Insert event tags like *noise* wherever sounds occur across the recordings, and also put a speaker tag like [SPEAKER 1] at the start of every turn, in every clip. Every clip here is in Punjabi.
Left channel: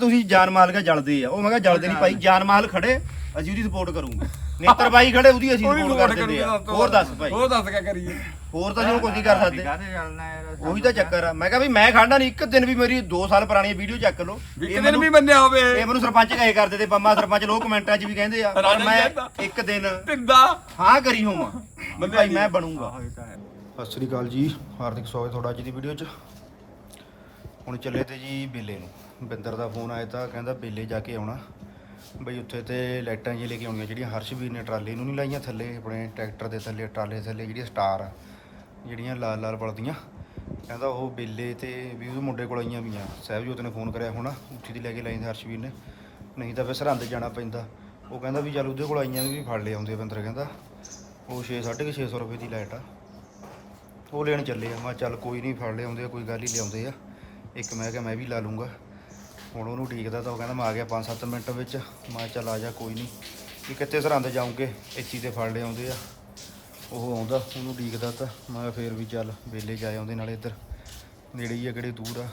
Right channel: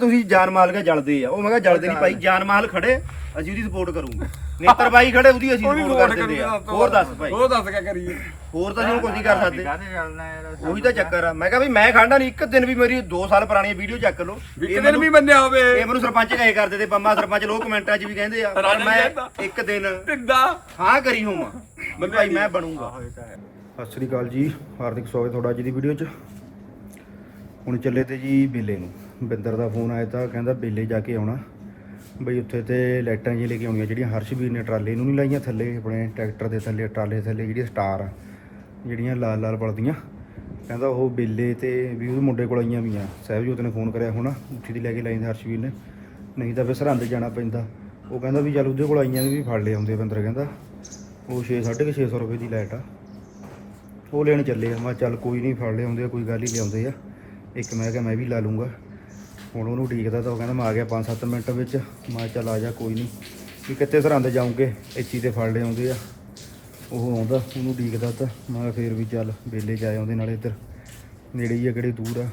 [SPEAKER 1] ਤੁਸੀਂ ਜਾਨ ਮਾਲ ਕਾ ਜਲਦੇ ਆ। ਉਹ ਮੈਂ ਕਿਹਾ ਜਲਦੇ ਨਹੀਂ ਭਾਈ ਜਾਨ ਮਾਲ ਖੜੇ ਅਸੀਂ ਉਹਦੀ ਸਪੋਰਟ ਕਰੂੰਗੇ। ਨੇਤਰ ਬਾਈ ਖੜੇ ਉਹਦੀ ਅਸੀਂ ਸਪੋਰਟ ਕਰ ਦਿੰਦੇ ਆ। ਹੋਰ ਦੱਸ ਭਾਈ।
[SPEAKER 2] ਹੋਰ ਦੱਸ ਕਿਆ ਕਰੀਏ।
[SPEAKER 1] ਹੋਰ ਤਾਂ ਅਸੀਂ ਕੁਝ ਨਹੀਂ ਕਰ ਸਕਦੇ।
[SPEAKER 3] ਕਾਹਦੇ ਚੱਲਣਾ ਯਾਰ
[SPEAKER 1] ਉਹੀ ਤਾਂ ਚੱਕਰ ਆ। ਮੈਂ ਕਿਹਾ ਵੀ ਮੈਂ ਖਾਂਦਾ ਨਹੀਂ ਇੱਕ ਦਿਨ ਵੀ ਮੇਰੀ 2 ਸਾਲ ਪੁਰਾਣੀ ਵੀਡੀਓ ਚੱਕ ਲਓ।
[SPEAKER 2] ਵੀ
[SPEAKER 1] ਇਹ
[SPEAKER 2] ਇੱਕ ਦਿਨ ਵੀ ਬੰਨਿਆ ਹੋਵੇ।
[SPEAKER 1] ਇਹ ਮੈਨੂੰ ਸਰਪੰਚ ਕਹੇ ਕਰਦੇ ਤੇ ਪੰਮਾ ਸਰਪੰਚ ਲੋਕ ਕਮੈਂਟਾਂ 'ਚ ਵੀ ਕਹਿੰਦੇ ਆ ਪਰ
[SPEAKER 2] ਰਾਣੀ
[SPEAKER 1] ਮੈਂ। ਇੱਕ ਦਿਨ
[SPEAKER 2] ਤਿੰਦਾ
[SPEAKER 1] ਹਾਂ ਕਰੀ ਹੋਵਾਂ। ਮੈਂ ਭਾਈ ਮੈਂ ਬਣੂੰਗਾ। ਸਤਿ ਸ੍ਰੀ ਅਕਾਲ ਜੀ। ਹਾਰਦਿਕ ਸਵਾਗਤ ਤੁਹਾਡਾ ਅੱਜ ਦੀ ਵੀਡੀਓ 'ਚ। ਹੁਣ ਚੱਲੇ ਤੇ ਜੀ ਬੇਲੇ ਨੂੰ। ਬਿੰਦਰ ਦਾ ਫੋਨ ਆਇਆ ਤਾਂ ਕਹਿੰਦਾ ਬੇਲੇ ਜਾ ਕੇ ਆਉਣਾ। ਬਈ ਉੱਥੇ ਤੇ ਲਾਈਟਾਂ ਜਿਹੀਆਂ ਲੈ ਕੇ ਆਉਣੀਆਂ ਜਿਹੜੀਆਂ ਹਰਸ਼ਵੀਰ ਨੇ ਟਰਾਲੇ ਨੂੰ ਨਹੀਂ ਲਾਈਆਂ ਥੱਲੇ, ਆਪਣੇ ਟਰੈਕਟਰ ਦੇ ਥੱਲੇ, ਟਰਾਲੇ ਥੱਲੇ ਜਿਹੜੀਆਂ ਸਟਾਰ ਆ, ਜਿਹੜੀਆਂ ਲਾਲ ਲਾਲ ਬਲਦੀਆਂ। ਕਹਿੰਦਾ ਉਹ ਬੇਲੇ ਤੇ ਵੀ ਉਹ ਮੁੰਡੇ ਕੋਲ ਆਈਆਂ ਵੀ ਆ ਸਹਿਬਜੋਤ ਨੇ ਫੋਨ ਕਰਿਆ, ਹੋਣਾ ਉੱਥੇ ਦੀ ਲੈ ਕੇ ਲਾਈਆਂ ਹਰਸ਼ਵੀਰ ਨੇ। ਨਹੀਂ ਤਾਂ ਫਿਰ ਸਰਹੰਦ ਜਾਣਾ ਪੈਂਦਾ। ਉਹ ਕਹਿੰਦਾ ਵੀ ਚੱਲ ਉਹਦੇ ਕੋਲ ਆਈਆਂ ਵੀ ਫੜ ਲਿਆ ਆਉਂਦੇ ਬੰਦਰ ਕਹਿੰਦਾ। ਉਹ 6 650 ਰੁਪਏ ਦੀ ਲਾਈਟ ਆ। ਉਹ ਲੈਣ ਚੱਲੇ ਆ। ਮੈਂ ਚੱਲ ਕੋਈ ਨਹੀਂ, ਫੜ ਲਿਆਉਂਦੇ ਆ, ਕੋਈ ਗੱਲ ਹੀ ਲਿਆਉਂਦੇ ਆ। ਇੱਕ ਮੈਂ ਕਿਹਾ ਮੈਂ ਵੀ ਲਾ ਲੂੰਗਾ। ਹੁਣ ਉਹਨੂੰ ਉਡੀਕਦਾ ਤਾਂ ਉਹ ਕਹਿੰਦਾ ਮੈਂ ਆ ਗਿਆ 5-7 ਮਿੰਟ ਵਿੱਚ। ਮੈਂ ਚੱਲ ਆ ਜਾ ਕੋਈ ਨਹੀਂ ਵੀ ਕਿੱਥੇ ਸਰਹੰਦ ਜਾਉਂਗੇ ਇੱਚੀ ਤੇ ਫੜ ਲਿਆਉਂਦੇ ਆ। ਉਹ ਆਉਂਦਾ ਉਹਨੂੰ ਉਡੀਕਦਾ ਤਾਂ। ਮੈਂ ਫੇਰ ਵੀ ਚੱਲ ਵੇਲੇ ਜਾ ਆਉਂਦੇ ਨਾਲੇ ਇੱਧਰ। ਨੇੜੇ ਹੀ ਆ ਕਿਹੜੇ ਦੂਰ ਆ।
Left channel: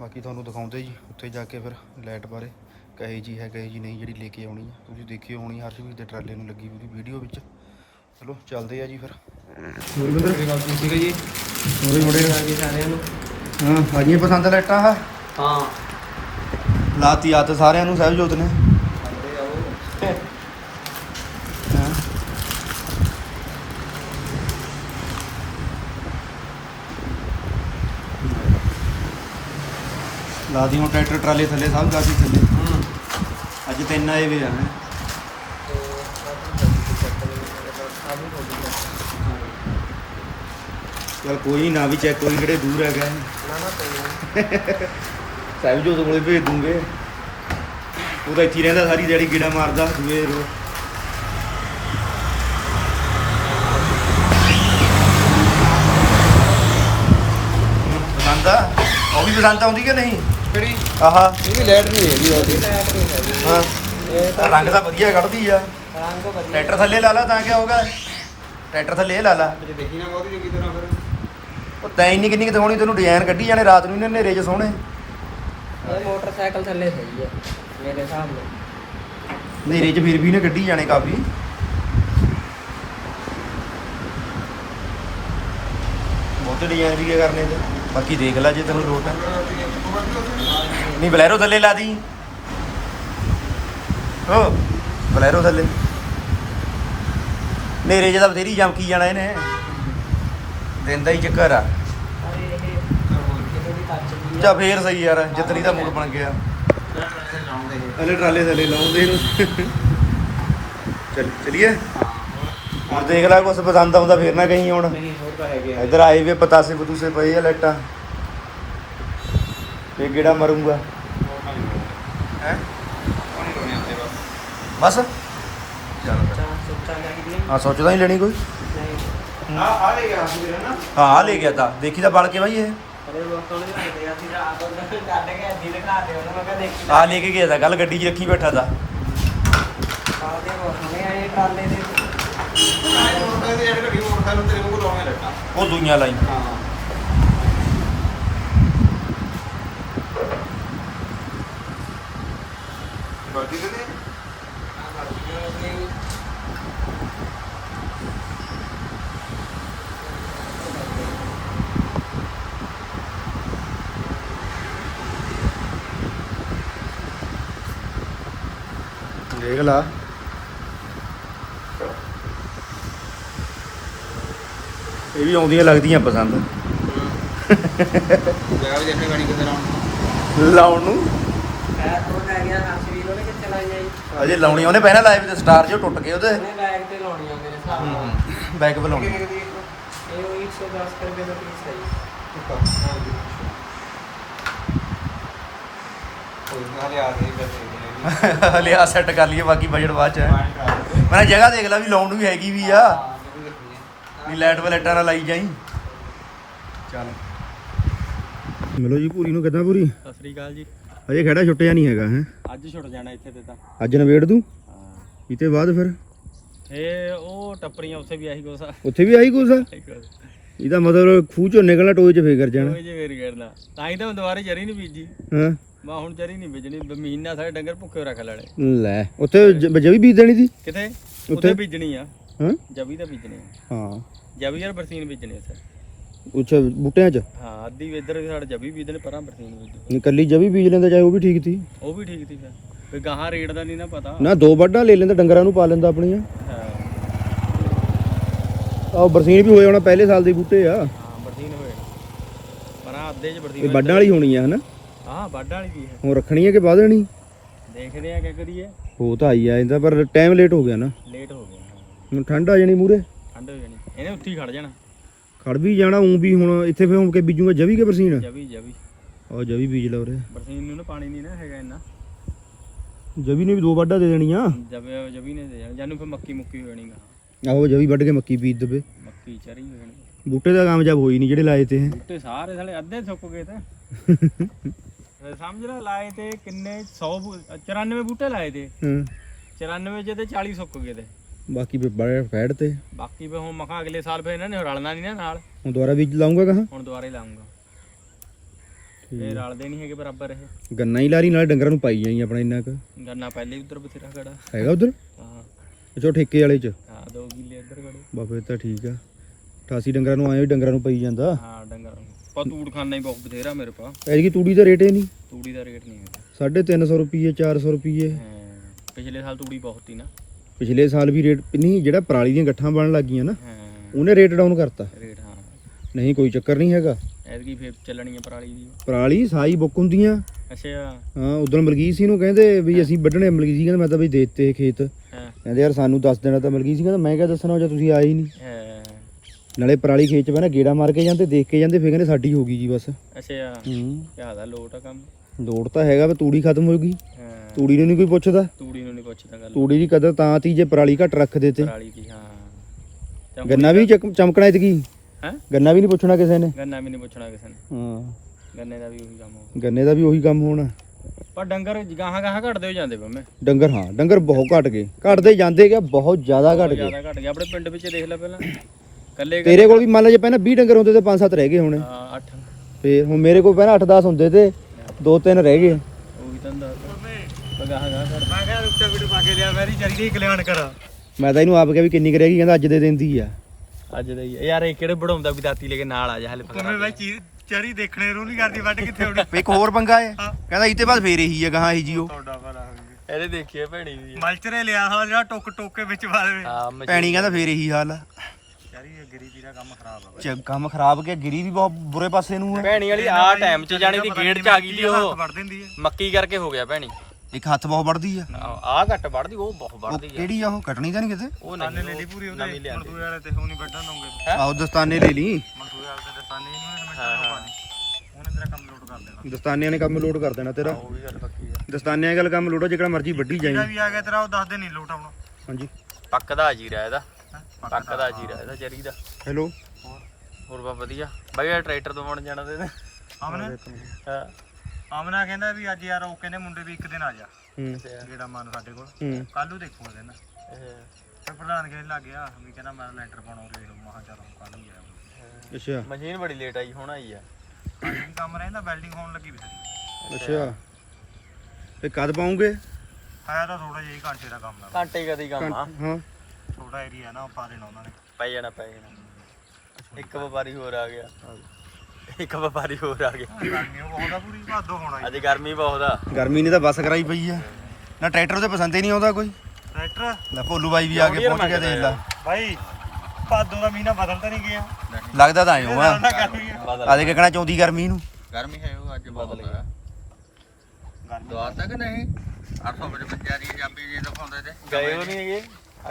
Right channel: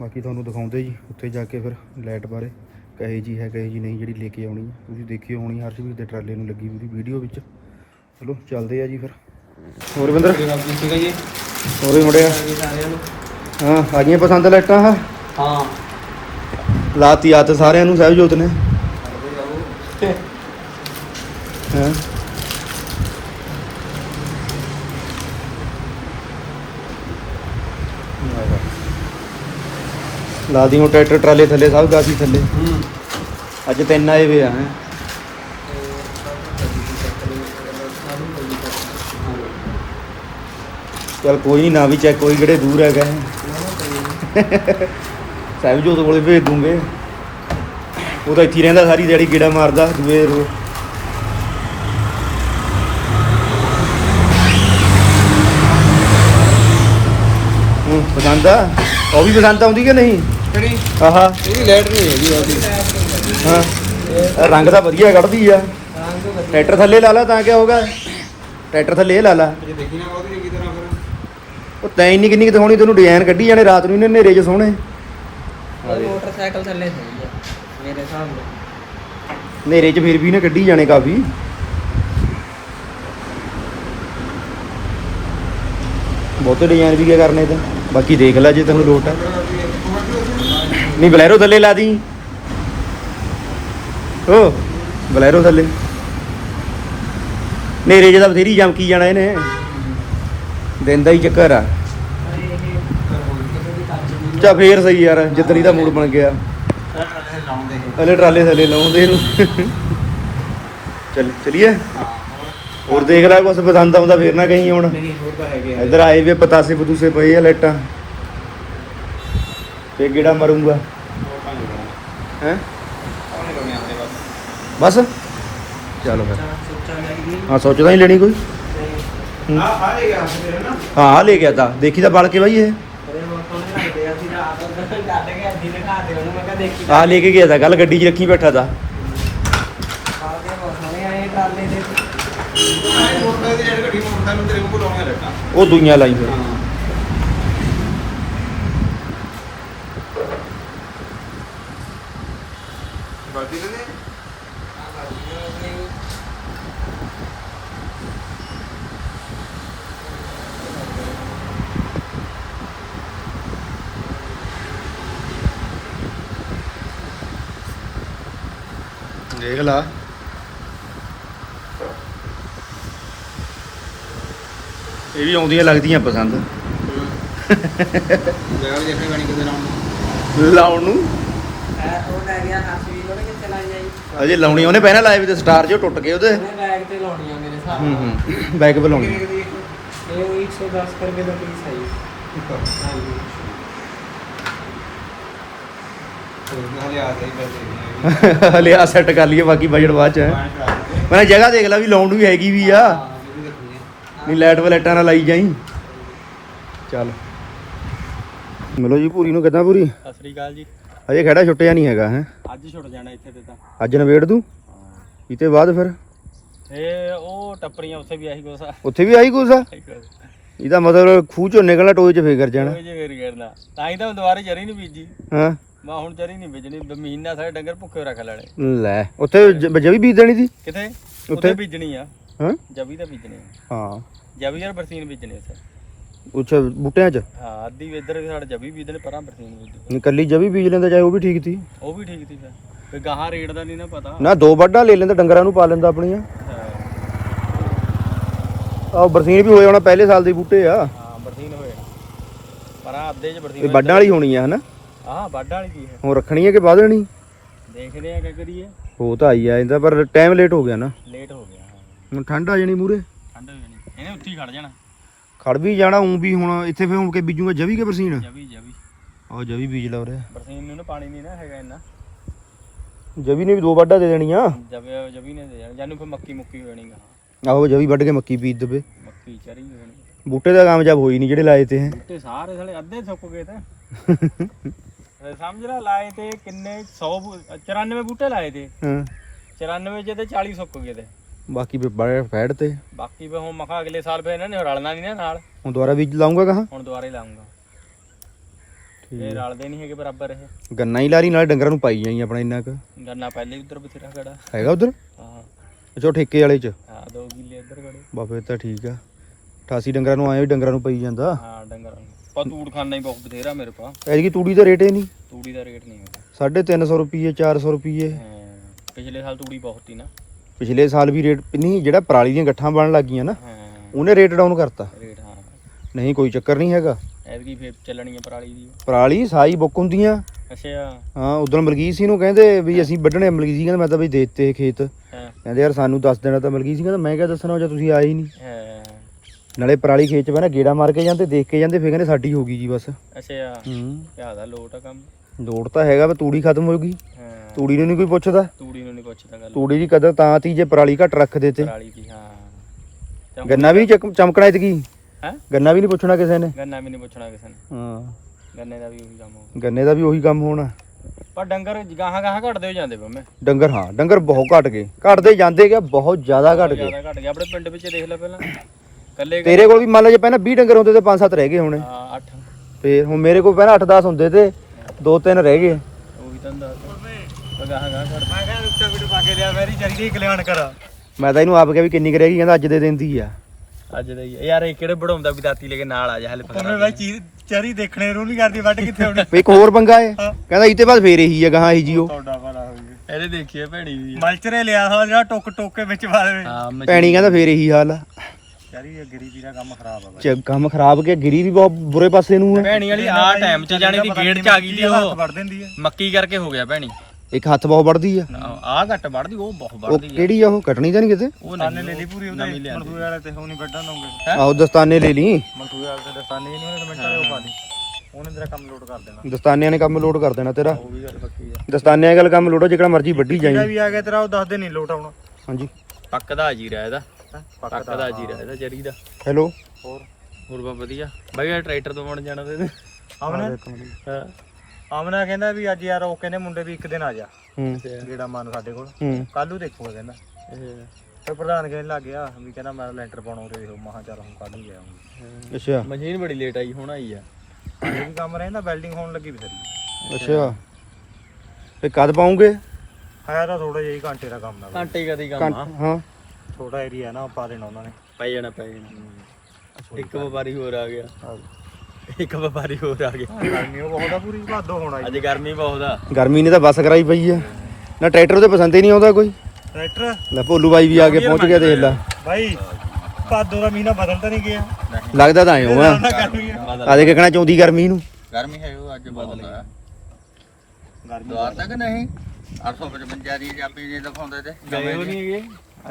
[SPEAKER 1] ਬਾਕੀ ਤੁਹਾਨੂੰ ਦਿਖਾਉਂਦੇ ਜੀ ਉੱਥੇ ਜਾ ਕੇ ਫਿਰ ਲਾਈਟ ਬਾਰੇ। ਕਹੇ ਜੀ ਹੈ ਕਹੇ ਜੀ ਨਹੀਂ ਜਿਹੜੀ ਲੈ ਕੇ ਆਉਣੀ ਆ। ਤੁਸੀਂ ਦੇਖਿਓ ਹੋਣੀ ਹਰਸ਼ਵੀਰ ਦੇ ਟਰਾਲੇ ਨੂੰ ਲੱਗੀ ਉਹਦੀ ਵੀਡੀਓ ਵਿੱਚ। ਚਲੋ ਚੱਲਦੇ ਆ ਜੀ ਫਿਰ। ਹੋਰ ਬਿੰਦਰ
[SPEAKER 3] ਠੀਕ ਹੈ ਜੀ?
[SPEAKER 1] ਹੋਰ ਮੁੜਿਆ ਹਾਂ ਆ ਗਈਆਂ ਪਸੰਦ ਲਾਈਟਾਂ ਆ
[SPEAKER 3] ਹਾਂ।
[SPEAKER 1] ਲਾਤੀ ਆਤ ਸਾਰਿਆਂ ਨੂੰ ਸਹਿਬਜੋਤ ਨੇ। ਹਾਂ? ਲਾ ਦੀ ਉਹ ਟਰੈਕਟਰ ਟਰਾਲੇ ਥੱਲੇ ਸਭ ਗਾਤੀ ਥੱਲੇ। ਅੱਜ ਤਿੰਨ ਆਏ ਵੇ ਆ ਹੈਂ। ਚੱਲ ਕੋਈ ਨਾ ਵੀ ਚੈੱਕ ਕੋਈ ਕਿਹੜੇ ਦੂਰ ਹੈਗਾ ਸਹਿਬਜੋਤ ਕੋਲੇ ਭੇਜ ਦੂੰਗੇ। ਉਹ ਤਾਂ ਇੱਥੇ ਹੀ ਰਹਿੰਦਾ ਸਾਰੀ ਦਿਹਾੜੀ ਗੇੜਾ ਮਾਰਦਾ ਦੂਏ ਰੋ ਹੂੰ, ਪਸੰਦ ਆ? ਉਹ ਵੀ ਪਸੰਦ ਆਉਂਦੀ ਕਿ ਨਹੀਂ?
[SPEAKER 2] ਕਿਹੜੀ?
[SPEAKER 1] ਆਹਾ।
[SPEAKER 2] ਇਹਦੀ ਲਾਈਟ ਨਹੀਂ ਹੈਗੀ ਉਹਦੀ
[SPEAKER 1] ਹਾਂ। ਰੰਗ ਤਾਂ ਵਧੀਆ ਕੱਢਦੀ ਆ। ਟਰੈਕਟਰ ਥੱਲੇ ਲਾ ਲਾ ਤਾਂ ਕੀ ਹੋਗਾ ਟਰੈਕਟਰ ਥੱਲੇ ਇਹ ਲਾ ਲਾ।
[SPEAKER 2] ਇਹ ਬਹੁਤ ਨਹੀਂ
[SPEAKER 1] ਉਹ ਤੈਂ ਇੰਨੀ ਕਿੰਨੀ ਕਿਤੇ ਹੋਣੀ ਤੈਨੂੰ ਡਿਜ਼ਾਈਨ ਕੱਢੀ ਜਾਣੇ ਰਾਤ ਨੂੰ ਇਹਨੇ ਹਨੇਰੇ 'ਚ ਸੋਹਣੇ
[SPEAKER 3] ਮੋਟਰਸਾਈਕਲ ਚੱਲੇ ਸਹੀ ਹੈ ਮੇਰੇ ਹਿਸਾਬ ਨਾਲ।
[SPEAKER 1] ਹਨੇਰੇ 'ਚ ਫਿਰ ਵੀ ਨਾ ਕੱਢੀ ਜਾਣੇ ਕਾਫੀ। ਬਹੁਤੇ ਡਿਜ਼ਾਈਨ ਵੀ ਕੀ ਕਰਨੇ ਤੇ? ਬਾਕੀ ਦੇਖ ਲੈ ਜੇ ਤੈਨੂੰ ਲੋਟ ਆ। ਨਹੀਂ ਬਲੈਰੋ ਥੱਲੇ ਲਾ ਦੀ। ਓ ਬਲੈਰੋ ਥੱਲੇ। ਹਨੇਰੇ 'ਚ ਤਾਂ ਬਥੇਰੀ ਚਮਕੀ ਜਾਣਾ ਇਹਨੇ। ਦਿਨ ਦਾ ਹੀ ਚੱਕਰ ਆ। ਚਾ ਫੇਰ ਸਹੀ ਯਾਰ ਜਿੱਦਣੀ ਦਾ ਮੂਡ ਬਣ ਗਿਆ। ਥੱਲੇ ਟਰਾਲੇ ਥੱਲੇ ਲਾਉਂਦੇ ਇਹਨੂੰ। ਚੱਲ ਚਲੀਏ। ਹੋਰ ਦੇਖ ਲੈ ਕੁਛ ਪਸੰਦ ਆਉਂਦਾ ਫੇਰ ਨਾ ਕਹੀਂ ਹੁਣ। ਇੱਧਰ ਆਏ ਵੀ ਪਤਾਸੇ ਪਤੂਸੇ ਪਏ ਆ ਲਾਈਟਾਂ। ਤੇ ਕਿਹੜਾ ਮਰੂੰਗਾ? ਹੈ? ਬਸ। ਚਲੋ ਫਿਰ। ਹਾਂ ਸੋਚਦਾ ਹੀ ਲੈਣੀ ਕੋਈ।
[SPEAKER 2] ਆ ਆ ਲੈ ਗਿਆ ਨਾ?
[SPEAKER 1] ਹਾਂ ਲੈ ਗਿਆ ਤਾਂ। ਦੇਖੀ ਤਾਂ ਬਲ ਕੇ ਬਾਈ ਇਹ। ਆ ਲੈ ਕੇ ਗਿਆ ਤਾਂ ਕੱਲ ਗੱਡੀ 'ਚ ਰੱਖੀ ਬੈਠਾ ਤਾਂ।
[SPEAKER 2] ਮੋਟਰ ਦੀ ਜਿਹੜੀ ਗੱਡੀ ਮੋਟਰਸਾਈਕਲ ਤੇਰੇ ਕੋਲ ਲਾਉਣੇ ਰਹਿਣਾ
[SPEAKER 1] ਉਹ ਦੁਈਆਂ ਲਾਈ ਫਿਰ
[SPEAKER 2] ਗਲਤੀ ਤਾਂ ਨਹੀਂ
[SPEAKER 1] ਦੇਖ ਲਾ ਇਹ ਵੀ ਆਉਂਦੀਆਂ ਲੱਗਦੀਆਂ ਪਸੰਦ।
[SPEAKER 2] ਦੇਖੇ
[SPEAKER 1] ਲਾਉਣ ਨੂੰ। ਅਜੇ ਲਾਉਣੀ ਉਹਨੇ ਪਹਿਲਾਂ ਲਾਏ ਵੀ ਤੇ ਸਟਾਰ ਜੋ ਟੁੱਟ ਗਏ ਉਹਦੇ।
[SPEAKER 3] ਬੈਗ ਤੇ ਲਾਉਣੀ ਆ ਮੇਰੇ ਹਿਸਾਬ
[SPEAKER 1] ਹੂੰ ਹੂੰ ਬੈਕ ਬਲਾਉਣੀ
[SPEAKER 3] ਨਾਲ ਇਹ 110 ਰੁਪਏ ਦਾ ਪੀਸ ਹੈ
[SPEAKER 1] ਹਲੇ ਆ ਸੈੱਟ ਕਰ ਲਈਏ ਬਾਕੀ ਬਜਟ ਬਾਅਦ ਚ ਹੈ। ਮੈਂ ਜਗ੍ਹਾ ਦੇਖ ਲਾ ਵੀ ਲਾਉਣ ਨੂੰ ਵੀ ਹੈਗੀ ਵੀ ਆ। ਨਹੀਂ ਲਾਈਟ ਵਲੈਟਾਂ ਨਾਲ ਲਾਈ ਜਾਈ। ਚੱਲ। ਮਿਲੋ ਜੀ ਪੂਰੀ ਨੂੰ ਕਿਦਾਂ ਪੂਰੀ?
[SPEAKER 3] ਸਤਿ ਸ੍ਰੀ ਅਕਾਲ ਜੀ।
[SPEAKER 1] ਅਜੇ ਖੜਾ ਛੁੱਟਿਆ ਨਹੀਂ ਹੈਗਾ ਹੈ?
[SPEAKER 3] ਅੱਜ ਛੁੱਟ ਜਾਣਾ ਇੱਥੇ ਤੇ ਤਾਂ।
[SPEAKER 1] ਅੱਜ ਨਵੇੜ ਦੂੰ? ਇਤੇ ਬਾਅਦ ਫਿਰ?
[SPEAKER 3] ਇਹ ਉਹ ਟੱਪਰੀਆਂ ਉੱਥੇ ਵੀ ਆਹੀ ਕੋਸਾ
[SPEAKER 1] ਉੱਥੇ ਵੀ ਆਈ ਕੁਛ ਆ? ਇਹਦਾ ਮਤਲਬ ਖੂਹ ਚੋਂ ਨਿਕਲਣਾ ਟੋਏ 'ਚ ਫੇਰ ਜਾਣਾ।
[SPEAKER 3] ਉਹ ਜੇ ਫੇਰ ਕਰਨਾ ਤਾਂ ਹੀ ਤਾਂ ਦੁਬਾਰੇ ਜਰੀ ਨਹੀਂ ਬੀਜੀ।
[SPEAKER 1] ਹਾਂ।
[SPEAKER 3] ਮੈਂ ਹੁਣ ਚਰੀ ਨਹੀਂ ਵੇਚਣੀ ਬ- ਮਹੀਨਾ ਸਾਰੇ ਡੰਗਰ ਭੁੱਖੇ ਰੱਖ ਲੈਣੇ।
[SPEAKER 1] ਲੈ ਉੱਥੇ ਜਵੀ ਬੀਜ ਦੇਣੀ ਸੀ?
[SPEAKER 3] ਕਿਥੇ?
[SPEAKER 1] ਉੱਥੇ
[SPEAKER 3] ਬੀਜਣੀ ਆ।
[SPEAKER 1] ਹਾਂ?
[SPEAKER 3] ਜਵੀ ਤਾਂ ਬੀਜਣੀ ਆ।
[SPEAKER 1] ਹਾਂ।
[SPEAKER 3] ਜਵੀ ਯਾਰ ਬਰਸੀਨ ਬੀਜਣੀ ਉੱਥੇ।
[SPEAKER 1] ਉੱਥੇ ਬੂਟਿਆਂ 'ਚ?
[SPEAKER 3] ਹਾਂ ਅੱਧੀ ਇੱਧਰ ਸਾਡੇ ਜਵੀ ਬੀਜਣੇ ਪਰਾਂ ਬਰਸੀਨ ਬੀਜਣੀ
[SPEAKER 1] ਇਕੱਲੀ ਜਵੀ ਬੀਜ ਲੈਂਦਾ ਚਾਹੇ ਉਹ ਵੀ ਠੀਕ ਸੀ
[SPEAKER 3] ਉਹ ਵੀ ਠੀਕ ਸੀ ਫਿਰ। ਵੀ ਗਾਹਾਂ ਰੇਟ ਦਾ ਨਹੀਂ ਨਾ ਪਤਾ।
[SPEAKER 1] ਨਾ ਦੋ ਵੱਡਾ ਲੈ ਲੈਂਦਾ ਡੰਗਰਾਂ ਨੂੰ ਪਾ ਲੈਂਦਾ ਆਪਣੀਆਂ।
[SPEAKER 3] ਹਾਂ।
[SPEAKER 1] ਆਹ ਬਰਸੀਨ ਵੀ ਹੋਏ ਹੋਣਾ ਪਹਿਲੇ ਸਾਲ ਦੇ ਬੂਟੇ ਆ।
[SPEAKER 3] ਹਾਂ ਬਰਸੀਨ ਹੋਏ ਪਰਾਂ ਅੱਧੇ ਚ ਬਰਸੀਨ
[SPEAKER 1] ਇਹ ਵੱਡਾਂ ਵਾਲੀ ਹੋਣੀ ਆ ਹਨਾ?
[SPEAKER 3] ਹਾਂ ਵੱਡ ਵਾਲੀ ਕੀ ਹੈ।
[SPEAKER 1] ਹੁਣ ਰੱਖਣੀ ਹੈ ਕਿ ਦੇਣੀ?
[SPEAKER 3] ਦੇਖਦੇ ਆ ਕੀ ਕਰੀਏ।
[SPEAKER 1] ਹੋ ਤਾਂ ਆਈ ਆ ਇਹਦਾ ਪਰ ਟਾਈਮ ਲੇਟ ਹੋ ਗਿਆ ਨਾ। ਹੁਣ ਠੰਡ ਆ ਜਾਣੀ ਮੂਰੇ
[SPEAKER 3] ਠੰਡ ਹੋ ਜਾਣੀ। ਇਹਨੇ ਉੱਥੇ ਹੀ ਖੜ ਜਾਣਾ।
[SPEAKER 1] ਖੜ ਵੀ ਜਾਣਾ ਉਂ ਵੀ ਹੁਣ ਇੱਥੇ ਫੇਰ ਹੁਣ ਕੇ ਬੀਜੂਗਾ ਜਵੀ ਕੇ ਬਰਸੀਨ?
[SPEAKER 3] ਜਵੀ ਜਵੀ।
[SPEAKER 1] ਆਹ ਜਵੀ ਬੀਜ ਲਾ ਰਿਹਾ
[SPEAKER 3] ਬਰਸੀਨ ਨੂੰ ਨਾ ਪਾਣੀ ਨਹੀਂ ਨਾ ਹੈਗਾ ਇੰਨਾ।
[SPEAKER 1] ਜਵੀ ਨੇ ਵੀ ਦੋ ਵੱਡਾ ਦੇ ਦੇਣੀਆਂ।
[SPEAKER 3] ਜਵੇ ਜਵੀ ਨੇ ਦੇ ਜਾਣਾ ਜਾਨੂੰ ਫਿਰ ਮੱਕੀ ਮੁੱਕੀ ਹੋ ਜਾਣੀ ਗਾ।
[SPEAKER 1] ਆਹੋ ਜਵੀ ਵੱਢ ਕੇ ਮੱਕੀ ਬੀਜ ਦੇਵੇ।
[SPEAKER 3] ਮੱਕੀ ਚਰੀ ਹੋ ਜਾਣੀ।
[SPEAKER 1] ਬੂਟੇ ਦਾ ਕਾਮਯਾਬ ਹੋਈ ਨਹੀਂ ਜਿਹੜੇ ਲਾਏ ਤੇ ਹੈ।
[SPEAKER 3] ਬੂਟੇ ਸਾਰੇ ਸਾਲੇ ਅੱਧੇ ਸੁੱਕ ਗਏ ਤਾਂ। *laughs* ਸਮਝ ਲੈ ਲਾਏ ਤੇ ਕਿੰਨੇ? 100 94 ਬੂਟੇ ਲਾਏ ਤੇ।
[SPEAKER 1] ਹਾਂ।
[SPEAKER 3] 94 ਚ ਤੇ 40 ਸੁੱਕ ਗਏ ਤੇ।
[SPEAKER 1] ਬਾਕੀ ਵੀ ਬੜੇ ਫੈੜ ਤੇ।
[SPEAKER 3] ਬਾਕੀ ਵੀ ਹੁਣ ਮਖਾ ਅਗਲੇ ਸਾਲ ਫੇਰ ਇਹਨਾਂ ਨੇ ਰਲਣਾ ਨਹੀਂ ਨਾ ਨਾਲ।
[SPEAKER 1] ਹੁਣ ਦੁਬਾਰਾ ਬੀਜ ਲਾਉਂਗਾ ਕਹਾਂ?
[SPEAKER 3] ਹੁਣ ਦੁਬਾਰਾ ਹੀ ਲਾਉਂਗਾ। ਇਹ ਰਲਦੇ ਨਹੀਂ ਹੈਗੇ ਬਰਾਬਰ ਇਹ।
[SPEAKER 1] ਗੰਨਾ ਹੀ ਲਾਰੀ ਨਾਲ ਡੰਗਰਾਂ ਨੂੰ ਪਾਈ ਜਾਈ ਆਪਣਾ ਇੰਨਾ ਕੁ।
[SPEAKER 3] ਗੰਨਾ ਪਹਿਲੇ ਹੀ ਉਧਰ ਬਥੇਰਾ ਖੜਾ।
[SPEAKER 1] ਹੈਗਾ ਉਧਰ?
[SPEAKER 3] ਹਾਂ।
[SPEAKER 1] ਅੱਛਾ ਠੇਕੇ ਵਾਲੇ ਚ।
[SPEAKER 3] ਹਾਂ ਦੋ ਕਿੱਲੇ ਇੱਧਰ ਖੜੇ।
[SPEAKER 1] ਬਾਬੇ ਤਾਂ ਠੀਕ ਆ। 88 ਡੰਗਰਾਂ ਨੂੰ ਆਏ ਡੰਗਰਾਂ ਨੂੰ ਪਈ ਜਾਂਦਾ।
[SPEAKER 3] ਹਾਂ ਡੰਗਰ ਪਾ ਤੂੜ ਖਾਨਾ ਹੀ ਬਹੁਤ ਬਥੇਰਾ ਮੇਰੇ ਪਾ
[SPEAKER 1] ਐਤਕੀ ਤੂੜੀ ਦਾ ਰੇਟ ਹੀ ਨਹੀਂ।
[SPEAKER 3] ਤੂੜੀ ਦਾ ਰੇਟ ਨਹੀਂ ਹੈਗਾ।
[SPEAKER 1] 350 ਰੁਪਏ 400 ਰੁਪਏ
[SPEAKER 3] ਹਾਂ, ਪਿਛਲੇ ਸਾਲ ਤੂੜੀ ਬਹੁਤ ਸੀ ਨਾ।
[SPEAKER 1] ਪਿਛਲੇ ਸਾਲ ਵੀ ਰੇਟ ਨਹੀਂ ਜਿਹੜਾ ਪਰਾਲੀ ਦੀਆਂ ਗੱਠਾਂ ਬਣਨ ਲੱਗੀਆਂ ਨਾ
[SPEAKER 3] ਹਾਂ।
[SPEAKER 1] ਉਹਨੇ ਰੇਟ ਡਾਊਨ ਕਰਤਾ।
[SPEAKER 3] ਰੇਟ ਹਾਂ।
[SPEAKER 1] ਨਹੀਂ ਕੋਈ ਚੱਕਰ ਨਹੀਂ ਹੈਗਾ।
[SPEAKER 3] ਐਤਕੀ ਫੇਰ ਚੱਲਣੀ ਆ ਪਰਾਲੀ ਦੀ।
[SPEAKER 1] ਪਰਾਲੀ ਸਾਈ ਬੁੱਕ ਹੁੰਦੀਆਂ।
[SPEAKER 3] ਅੱਛਾ।
[SPEAKER 1] ਹਾਂ ਉਦੋਂ ਮਲਗੀਤ ਸੀ ਨੂੰ ਕਹਿੰਦੇ ਵੀ ਅਸੀਂ ਵੱਢਣੇ ਮਲਗੀਤ ਸੀ ਕਹਿੰਦਾ ਮੈਂ ਤਾਂ ਬਈ ਦੇ ਦਿੱਤੇ ਖੇਤ। ਕਹਿੰਦੇ ਯਾਰ ਸਾਨੂੰ ਦੱਸ ਦੇਣਾ ਤਾਂ। ਮਲਗੀਤ ਸੀ ਕਹਿੰਦਾ ਮੈਂ ਕਿਹਾ ਦੱਸਣਾ ਜੇ ਤੁਸੀਂ ਆਏ ਹੀ ਨਹੀਂ। ਨਾਲੇ ਪਰਾਲੀ ਖੇਤ ਚ ਬਹਿਣਾ ਗੇੜਾ ਮਾਰ ਕੇ ਜਾਂਦੇ ਦੇਖ ਕੇ ਜਾਂਦੇ ਫਿਰ ਕਹਿੰਦੇ ਸਾਡੀ ਹੋ ਗਈ ਜੀ ਬਸ।
[SPEAKER 3] ਅੱਛਾ।
[SPEAKER 1] ਹੂੰ।
[SPEAKER 3] ਕਿਆ ਦਾ ਲੋਟ ਆ ਕੰਮ।
[SPEAKER 1] ਲੋੜ ਤਾਂ ਹੈਗਾ ਵੀ ਤੂੜੀ ਖਤਮ ਹੋ ਗਈ। ਤੂੜੀ ਨੂੰ ਨਹੀਂ ਕੋਈ ਪੁੱਛਦਾ?
[SPEAKER 3] ਤੂੜੀ ਨੂੰ ਨਹੀਂ ਪੁੱਛਦਾ ਗੱਲ।
[SPEAKER 1] ਤੂੜੀ ਦੀ ਕਦਰ ਤਾਂ ਤੀ ਜੇ ਪਰਾਲੀ ਘੱਟ ਰੱਖਦੇ ਤੇ।
[SPEAKER 3] ਪਰਾਲੀ ਦੀ ਹਾਂ।
[SPEAKER 1] ਗੰਨਾ ਵੀ ਚਮਕਣਾ ਇਤਕੀ?
[SPEAKER 3] ਹੈਂ?
[SPEAKER 1] ਗੰਨਾ ਵੀ ਨਹੀਂ ਪੁੱਛਣਾ ਕਿਸੇ ਨੇ?
[SPEAKER 3] ਗੰਨਾ ਵੀ ਨਹੀਂ ਪੁੱਛਣਾ ਕਿਸੇ ਨੇ।
[SPEAKER 1] ਹਾਂ।
[SPEAKER 3] ਗੰਨੇ ਦਾ ਵੀ ਉਹੀ ਕੰਮ ਹੋ
[SPEAKER 1] ਗੰਨੇ ਦਾ ਵੀ ਉਹੀ ਕੰਮ ਹੋਣਾ।
[SPEAKER 3] ਪਰ ਡੰਗਰ ਗਾਹਾਂ ਗਾਹਾਂ ਘਟਦੇ ਹੋ ਜਾਂਦੇ ਬੰਮੇ
[SPEAKER 1] ਡੰਗਰ ਹਾਂ ਡੰਗਰ ਬਹੁਤ ਘਟ ਗਏ। ਘਟਦੇ ਜਾਂਦੇ ਕਿ ਬਹੁਤ ਜ਼ਿਆਦਾ ਘਟ ਗਏ।
[SPEAKER 3] ਜ਼ਿਆਦਾ ਘਟ ਗਿਆ ਆਪਣੇ ਪਿੰਡ ਵਿੱਚ ਦੇਖ ਲੈ ਪਹਿਲਾਂ। ਕੱਲੇ
[SPEAKER 1] ਤੇਰੇ ਕੋਲ ਵੀ ਮੰਨ ਲਾ ਜੇ ਪਹਿਲਾਂ 20 ਡੰਗਰ ਹੁੰਦੇ ਤੇ 5-7 ਰਹਿ ਗਏ ਹੋਣੇ।
[SPEAKER 3] ਹਾਂ 8
[SPEAKER 1] ਫੇਰ ਹੁਣ ਮੇਰੇ ਕੋਲ ਪਹਿਲਾਂ 8-10 ਹੁੰਦੇ ਤੇ 2-3 ਰਹਿ ਗਏ।
[SPEAKER 3] ਉਹੀ ਤਾਂ ਦੱਸ ਮੈਂ ਕਿਹਾ ਉੱਤੇ ਵੀਡੀਓ ਪਾ ਕੇ ਲਿਆ ਮੇਰੀ ਚਰੀ ਦੀ ਕਲਿਆਣ ਕਰਾ।
[SPEAKER 1] ਮੈਂ ਤਾਂ ਇਹਨੂੰ ਆਪ ਕਿਹਾ ਵੀ ਕਿੰਨੀ ਕੁ ਰਹਿ ਗਈ ਕਹਿੰਦਾ ਅੱਜ ਦੇ ਦਿਨ ਦੀ ਆ।
[SPEAKER 3] ਅੱਜ ਦਾ ਹੀ ਆ। ਯਾਰ ਇਹ ਕਿਹੜੇ ਬੜਾਉਂਦਾ ਵੀ ਦਾਤੀ ਲੈ ਕੇ ਨਾਲ ਆ ਜਾ ਹਲੇ
[SPEAKER 2] ਮੈਂ ਬਾਈ ਚੀਜ਼ ਚਰੀ ਦੇਖਣੇ ਨੂੰ ਨਹੀਂ ਕਰਦੀ ਵੱਢ ਕਿੱਥੇ ਆਉਣੀ?
[SPEAKER 1] ਇੱਕ ਹੋਰ ਪੰਗਾ ਏ। ਕਹਿੰਦਾ ਇਤੇ ਬਾਅਦ ਫੇਰ ਇਹੀ ਆ ਗਾਹਾਂ ਇਹੀ ਜੀ ਉਹ।
[SPEAKER 2] ਤੁਹਾਡਾ ਭਲਾ ਹੋਵੇ
[SPEAKER 3] ਇਹਨੇ ਦੇਖੀਏ ਭੈਣੀ ਵੀ
[SPEAKER 2] ਮਲਚਰੇ ਲਿਆ ਹੋਇਆ ਜਿਹੜਾ ਟੁੱਕ ਟੁੱਕ ਕੇ ਵਿੱਚ ਪਾ ਦੇਵੇ।
[SPEAKER 3] ਹਾਂ
[SPEAKER 1] ਪੈਣੀ ਕਹਿੰਦਾ ਫੇਰ ਇਹੀ ਹਾਲ ਆ।
[SPEAKER 2] ਚਰੀ ਇਹ ਗਰੀਬੀ ਦਾ ਕੰਮ ਖਰਾਬ ਆ ਬਾਈ।
[SPEAKER 1] ਚ ਕੰਮ ਖਰਾਬ ਕੇ ਗਿਰੀ ਵੀ ਬਹੁਤ ਬੁਰੇ ਪਾਸੇ ਨੂੰ ਹੈ
[SPEAKER 3] ਭੈਣੀ ਵਾਲੀ ਆ ਟਾਈਮ ਚ ਜਾਣੀ ਦੀ ਗੇਟ ਚ ਆ ਗਈ ਜੀ
[SPEAKER 2] ਹੱਥ
[SPEAKER 3] ਉਹ।
[SPEAKER 2] ਵੜ ਦਿੰਦੀ ਹੈ
[SPEAKER 3] ਮੱਕੀ ਕਰਕੇ ਹੋ ਗਿਆ ਭੈਣੀ।
[SPEAKER 1] ਇੱਕ ਹੱਥ ਬਹੁਤ ਵੜਦੀ ਆ।
[SPEAKER 3] ਆ ਘੱਟ ਵੜਦੀ ਉਹ ਬਹੁਤ
[SPEAKER 1] ਉਹ
[SPEAKER 3] ਵੜਦੀ ਆ।
[SPEAKER 1] ਕਿਹੜੀ ਆ ਉਹ? ਕੱਟਣੀ ਤਾਂ ਨਹੀਂ ਕਿਤੇ?
[SPEAKER 3] ਉਹ
[SPEAKER 2] ਤਾਨੇ ਲੈ ਲਈ ਪੂਰੀ ਉਹਦੇ ਮਨਸੂਏ ਵਾਲੇ ਤੇ ਉਹ ਨਹੀਂ ਵੱਢਣ ਦੋਗੇ
[SPEAKER 1] ਆਹੋ ਦਸਤਾਨੇ ਲੈ ਲਈ।
[SPEAKER 2] ਮਨਸੂਏ ਵਾਲੇ ਤੇ ਦਸਤਾਨੇ ਨਹੀਂ ਉਹਨੇ ਮਿੰਟਾਂ ਦੇ ਉਹ ਪਾ ਲਈ। ਉਹਨੇ ਤੇਰਾ ਕੰਮ ਲੋਡ ਕਰ ਦੇਣਾ।
[SPEAKER 1] ਦਸਤਾਨਿਆਂ ਨੇ ਕੰਮ ਲੋਡ ਕਰ ਦੇਣਾ ਤੇਰਾ।
[SPEAKER 2] ਉਹ ਵੀ ਯਾਰ ਪੱਕੀ ਆ।
[SPEAKER 1] ਦਸਤਾਨਿਆਂ ਗੱਲ ਕੰਮ ਲੋਡੋ ਜਿਹੜਾ ਮਰਜ਼ੀ ਵੱਢੀ
[SPEAKER 2] ਜਿਹੜਾ
[SPEAKER 1] ਜਾਈ
[SPEAKER 2] ਵੀ ਆ ਗਿਆ ਤੇਰਾ ਉਹ ਦੱਸ ਦੇ ਨਹੀਂ ਲੋਟ ਆਉਣਾ।
[SPEAKER 1] ਹਾਂਜੀ।
[SPEAKER 3] ਪੱਕਦਾ ਜੀਰਾ ਇਹਦਾ? ਪੱਕਦਾ ਜੀਰਾ ਇਹਦਾ ਚਰੀ ਦਾ।
[SPEAKER 1] ਹੈਲੋ।
[SPEAKER 2] ਹੋਰ?
[SPEAKER 3] ਹੋਰ ਬਾ ਵਧੀਆ। ਬਾਈ ਆ ਟਰੈਕਟਰ ਤੋਂ ਬਣ ਜਾਣਾ ਤੇ।
[SPEAKER 2] ਆਮਨਾ
[SPEAKER 3] ਹਾਂ?
[SPEAKER 2] ਆਮਨਾ ਕਹਿੰਦਾ ਵੀ ਅੱਜ ਯਾਰ ਉਹ ਕਹਿੰਦੇ ਮੁੰਡੇ ਵੀ ਇੱਕ ਦਿਨ ਆ ਜਾ।
[SPEAKER 1] ਹੂੰ।
[SPEAKER 2] ਗੇੜਾ ਮਾਰਨ ਸਾਡੇ ਕੋਲ।
[SPEAKER 1] ਹੂੰ।
[SPEAKER 2] ਕੱਲੂ ਦੇਖੂਗਾ ਕਹਿੰਦਾ। ਫਿਰ ਪ੍ਰਧਾਨ ਕਹਿਣ ਲੱਗ ਗਿਆ ਵੀ ਕਹਿੰਦਾ ਮੈਂ ਲੈਂਟਰ ਪਾਉਣਾ ਉਰੇ ਦੇਖੋ ਮਹਾ ਚੱਲ ਹੁਣ ਕੱਲ ਹੀ ਜਾਊਂਗਾ
[SPEAKER 1] ਅੱਛਾ।
[SPEAKER 3] ਮਸ਼ੀਨ ਬੜੀ ਲੇਟ ਆਈ ਹੁਣ ਆਈ ਆ।
[SPEAKER 2] ਹਾਲੇ ਵੀ ਕੰਮ ਰਹਿੰਦਾ ਵੈਲਡਿੰਗ ਹੋਣ ਲੱਗੀ ਵੀ ਸਰੀ
[SPEAKER 1] ਅੱਛਾ। ਤੇ ਕਦ ਪਾਉਂਗੇ?
[SPEAKER 2] ਹੈ ਤਾਂ ਥੋੜਾ ਜਿਹਾ ਹੀ ਘੰਟੇ ਦਾ ਕੰਮ ਹੈ
[SPEAKER 3] ਘੰਟੇ ਕਦੀ ਕੰਮ ਆ।
[SPEAKER 1] ਹਾਂ।
[SPEAKER 2] ਛੋਟਾ ਏਰੀਆ ਨਾ ਪਾ ਦੇਣਾ ਉਹਨਾਂ ਨੇ।
[SPEAKER 3] ਪੈ ਜਾਣਾ ਪੈ ਜਾਣਾ। ਇੱਕ ਵਪਾਰੀ ਹੋਰ ਆ ਗਿਆ। ਇੱਕ ਵਪਾਰੀ ਹੋਰ ਆ ਗਿਆ।
[SPEAKER 2] ਗਰਮੀ ਉਹ ਬਹੁਤ ਆ ਪੂਰੀ ਭਾਦੋ ਹੋਣਾ
[SPEAKER 3] ਅੱਜ ਗਰਮੀ ਬਹੁਤ ਆ।
[SPEAKER 1] ਗਰਮੀ ਨੇ ਤਾਂ ਬੱਸ ਕਰਾਈ ਪਈ ਆ। ਨਾ ਟਰੈਕਟਰ ਉਹਦੇ ਪਸੰਦ ਹੀ ਨਹੀਂ ਆਉਂਦਾ ਕੋਈ।
[SPEAKER 2] ਟਰੈਕਟਰ?
[SPEAKER 1] ਲੈ ਭੋਲੂ ਬਾਈ ਵੀ ਆ ਕੇ ਪਹੁੰਚ ਗਿਆ ਦੇਖ ਲੈ।
[SPEAKER 2] ਭਾਈ ਭਾਦੋ ਦਾ ਮਹੀਨਾ ਬਦਲ ਤਾਂ ਨਹੀਂ ਗਿਆ।
[SPEAKER 1] ਲੱਗਦਾ ਤਾਂ ਐਂ ਆ
[SPEAKER 2] ਗਰਮੀ ਆ।
[SPEAKER 1] ਆ ਦੇ ਕਿਕਣਾ ਚਾਉਂਦੀ ਗਰਮੀ ਨੂੰ।
[SPEAKER 4] ਗਰਮੀ ਹੈ ਉਹ ਅੱਜ ਬਹੁਤ ਹੈ
[SPEAKER 2] ਗਰਮੀ
[SPEAKER 4] ਦਵਾ ਤੱਕ ਨਹੀਂ? 855 ਦੀ ਚਾਬੀ ਜੇ ਦਿਖਾਉਂਦੇ ਤੇ।
[SPEAKER 3] ਨਹੀਂ ਹੈਗੇ।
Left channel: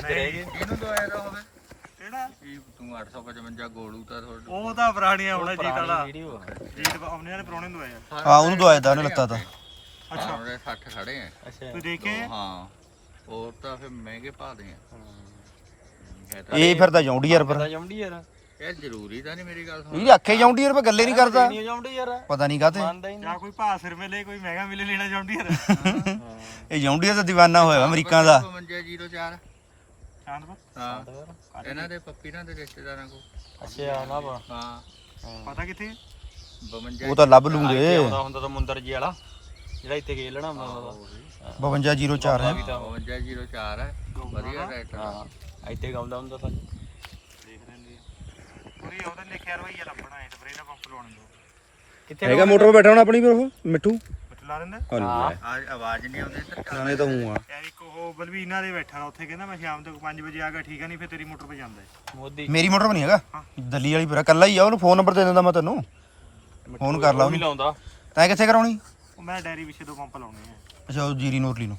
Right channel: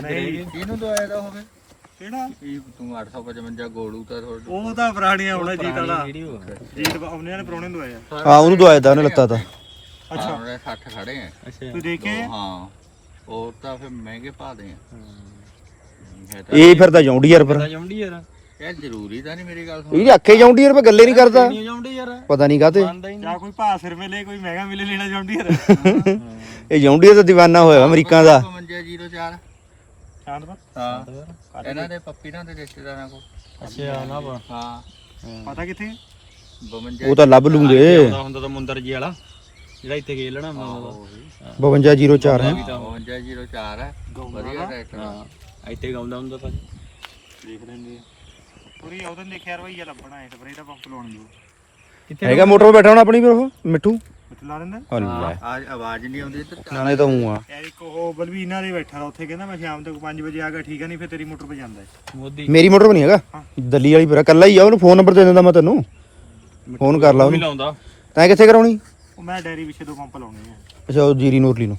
[SPEAKER 2] ਨਹੀਂ।
[SPEAKER 4] ਇਹਨੂੰ ਦਵਾਇਆ ਤਾਂ ਹੋਵੇ
[SPEAKER 2] ਕਿਹੜਾ?
[SPEAKER 4] ਕੀ ਤੂੰ 855 ਗੋਲੂ ਤਾਂ ਤੁਹਾਡੇ
[SPEAKER 2] ਉਹ ਤਾਂ ਪੁਰਾਣੀਆਂ ਹੋਣਾ ਜੀਤ ਵਾਲਾ।
[SPEAKER 3] ਵੀਡੀਓ
[SPEAKER 2] ਜੀਤ ਉਹਨੇ ਨੇ ਪਰੋਣੇ ਦਵਾਇਆ
[SPEAKER 1] ਹਾਂ ਉਹਨੂੰ ਦਵਾਇਆ ਤਾਂ ਉਹਨੇ ਲੱਤਾ ਤਾਂ।
[SPEAKER 2] ਅੱਛਾ।
[SPEAKER 4] ਉਹਦੇ 60 ਖੜੇ ਆ।
[SPEAKER 3] ਅੱਛਾ।
[SPEAKER 2] ਤੂੰ ਦੇਖੇ?
[SPEAKER 4] ਹਾਂ। ਹੋਰ ਤਾਂ ਫਿਰ ਮਹਿੰਗੇ ਭਾਦੇ ਆ। ਹੈ। ਤਾਂ
[SPEAKER 1] ਇਹ ਫਿਰ ਤਾਂ ਜੌਂਡੀ ਯਾਰ ਪਰ
[SPEAKER 3] ਜੰਮੜੀ ਯਾਰ।
[SPEAKER 4] ਇਹ ਜ਼ਰੂਰੀ ਤਾਂ ਨਹੀਂ ਮੇਰੀ ਗੱਲ ਸੁਣ
[SPEAKER 1] ਇਹਦੀ ਅੱਖੇ ਜੌਂਡੀ ਯਾਰ ਪਰ ਗੱਲੇ ਨਹੀਂ ਕਰਦਾ। ਪਤਾ ਨਹੀਂ ਕਾਤੇ
[SPEAKER 2] ਜਾਂ ਕੋਈ ਭਾਅ ਸਿਰ ਵੇਲੇ ਕੋਈ ਮਹਿੰਗਾ ਮਿਲੇ ਲੈਣਾ ਚਾਹੁੰਦੀ ਯਾਰ।
[SPEAKER 1] ਇਹ ਜੌਂਡੀ ਦਾ ਦੀਵਾਨਾ ਹੋਇਆ ਅਮਰੀਕਾ ਦਾ।
[SPEAKER 4] 5504
[SPEAKER 2] ਸ਼ਾਂਤ ਪਰ
[SPEAKER 4] ਹਾਂ ਇਹਨਾਂ ਦੇ ਪੱਪੀ ਨਾਲ ਦੇ ਰਿਸ਼ਤੇਦਾਰਾਂ ਕੋ
[SPEAKER 3] ਅੱਛਾ ਨਾ ਬਾ
[SPEAKER 4] ਹਾਂ।
[SPEAKER 2] ਪਤਾ ਕਿੱਥੇ
[SPEAKER 4] 52
[SPEAKER 1] ਉਹ ਤਾਂ ਲੱਭ ਲੂੰਗੇ।
[SPEAKER 3] ਹੁੰਦਾ ਹੁੰਦਾ ਤਾਂ ਮੁੰਦਰ ਜੀ ਵਾਲਾ। ਜਿਹੜਾ ਇੱਥੇ ਖੇਲ ਲੈਣਾ ਮਾਂ ਦਾ
[SPEAKER 1] 5204 ਹੈ।
[SPEAKER 4] 5204 ਹੈ। ਵਧੀਆ ਟਰੈਕਟਰ ਆ।
[SPEAKER 3] ਹਾਂ। ਇੱਥੇ ਗਾਉਂਦਾ ਹੁੰਦਾ ਪਰ
[SPEAKER 2] ਦੇਖ ਲੈਂਦੇ ਪੂਰੀ ਉਹਦੇ ਦੇਖਿਆ ਯਾਰ ਬਾਈ ਯਾਰ ਲੱਭਣਾ ਹੈ ਸਪਰੇ ਦਾ ਪੰਪ ਲਾਉਣ
[SPEAKER 1] ਹੈਗਾ ਮੋਟਰ 'ਤੇ ਬੈਠਾ ਹੋਣਾ ਆਪਣੀ ਫਿਰ ਉਹ ਮਿੱਠੂ।
[SPEAKER 2] ਮਿੱਟ ਲਾ ਦਿੰਦਾ
[SPEAKER 4] ਆ ਆਵਾਜ਼ ਨਹੀਂ ਆਉਂਦੀ ਇੱਧਰ ਚੱਲ।
[SPEAKER 1] ਨਾਲੇ ਤਾਂ ਹੂੰ ਆ।
[SPEAKER 2] ਯਾਰ ਇੱਕ ਉਹ ਬਲਵੀਨਾ ਦੇ ਬੈਠਾ ਤਾ ਉੱਥੇ ਕਹਿੰਦਾ ਮੈਂ ਸ਼ਾਮ ਤੱਕ 5 ਵਜੇ ਆ ਗਿਆ ਠੀਕ ਆ ਨਹੀਂ ਫਿਰ ਤੇਰੀ ਮੋਟਰ 'ਤੇ ਜਾਂਦਾ ਹੈ
[SPEAKER 3] ਮੋਦੀ
[SPEAKER 1] ਮੇਰੀ ਮੋਟਰ ਨਹੀਂ ਹੈਗਾ? ਦੱਲੀ ਵਾਲੀ ਫਿਰ ਕੱਲਾ ਹੀ ਆ ਉਹਨੂੰ ਫੋਨ ਨੰਬਰ ਦੇ ਦਿੰਦਾ ਮੈਂ ਤੈਨੂੰ। ਫੋਨ ਕਰ ਲਾ ਉਹਨੂੰ।
[SPEAKER 3] ਲਾਉਂਦਾ।
[SPEAKER 1] ਤੈਂ ਕਿੱਥੇ ਕਰਾਉਣੀ?
[SPEAKER 2] ਉਹ ਮੈਂ ਡੈਰੀ ਪਿੱਛੇ ਦੋ ਪੰਪ ਲਾਉਣੇ ਆ।
[SPEAKER 1] ਅੱਛਾ ਉਹ ਜੀਰੀ ਨੋਰਲੀ ਨੂੰ।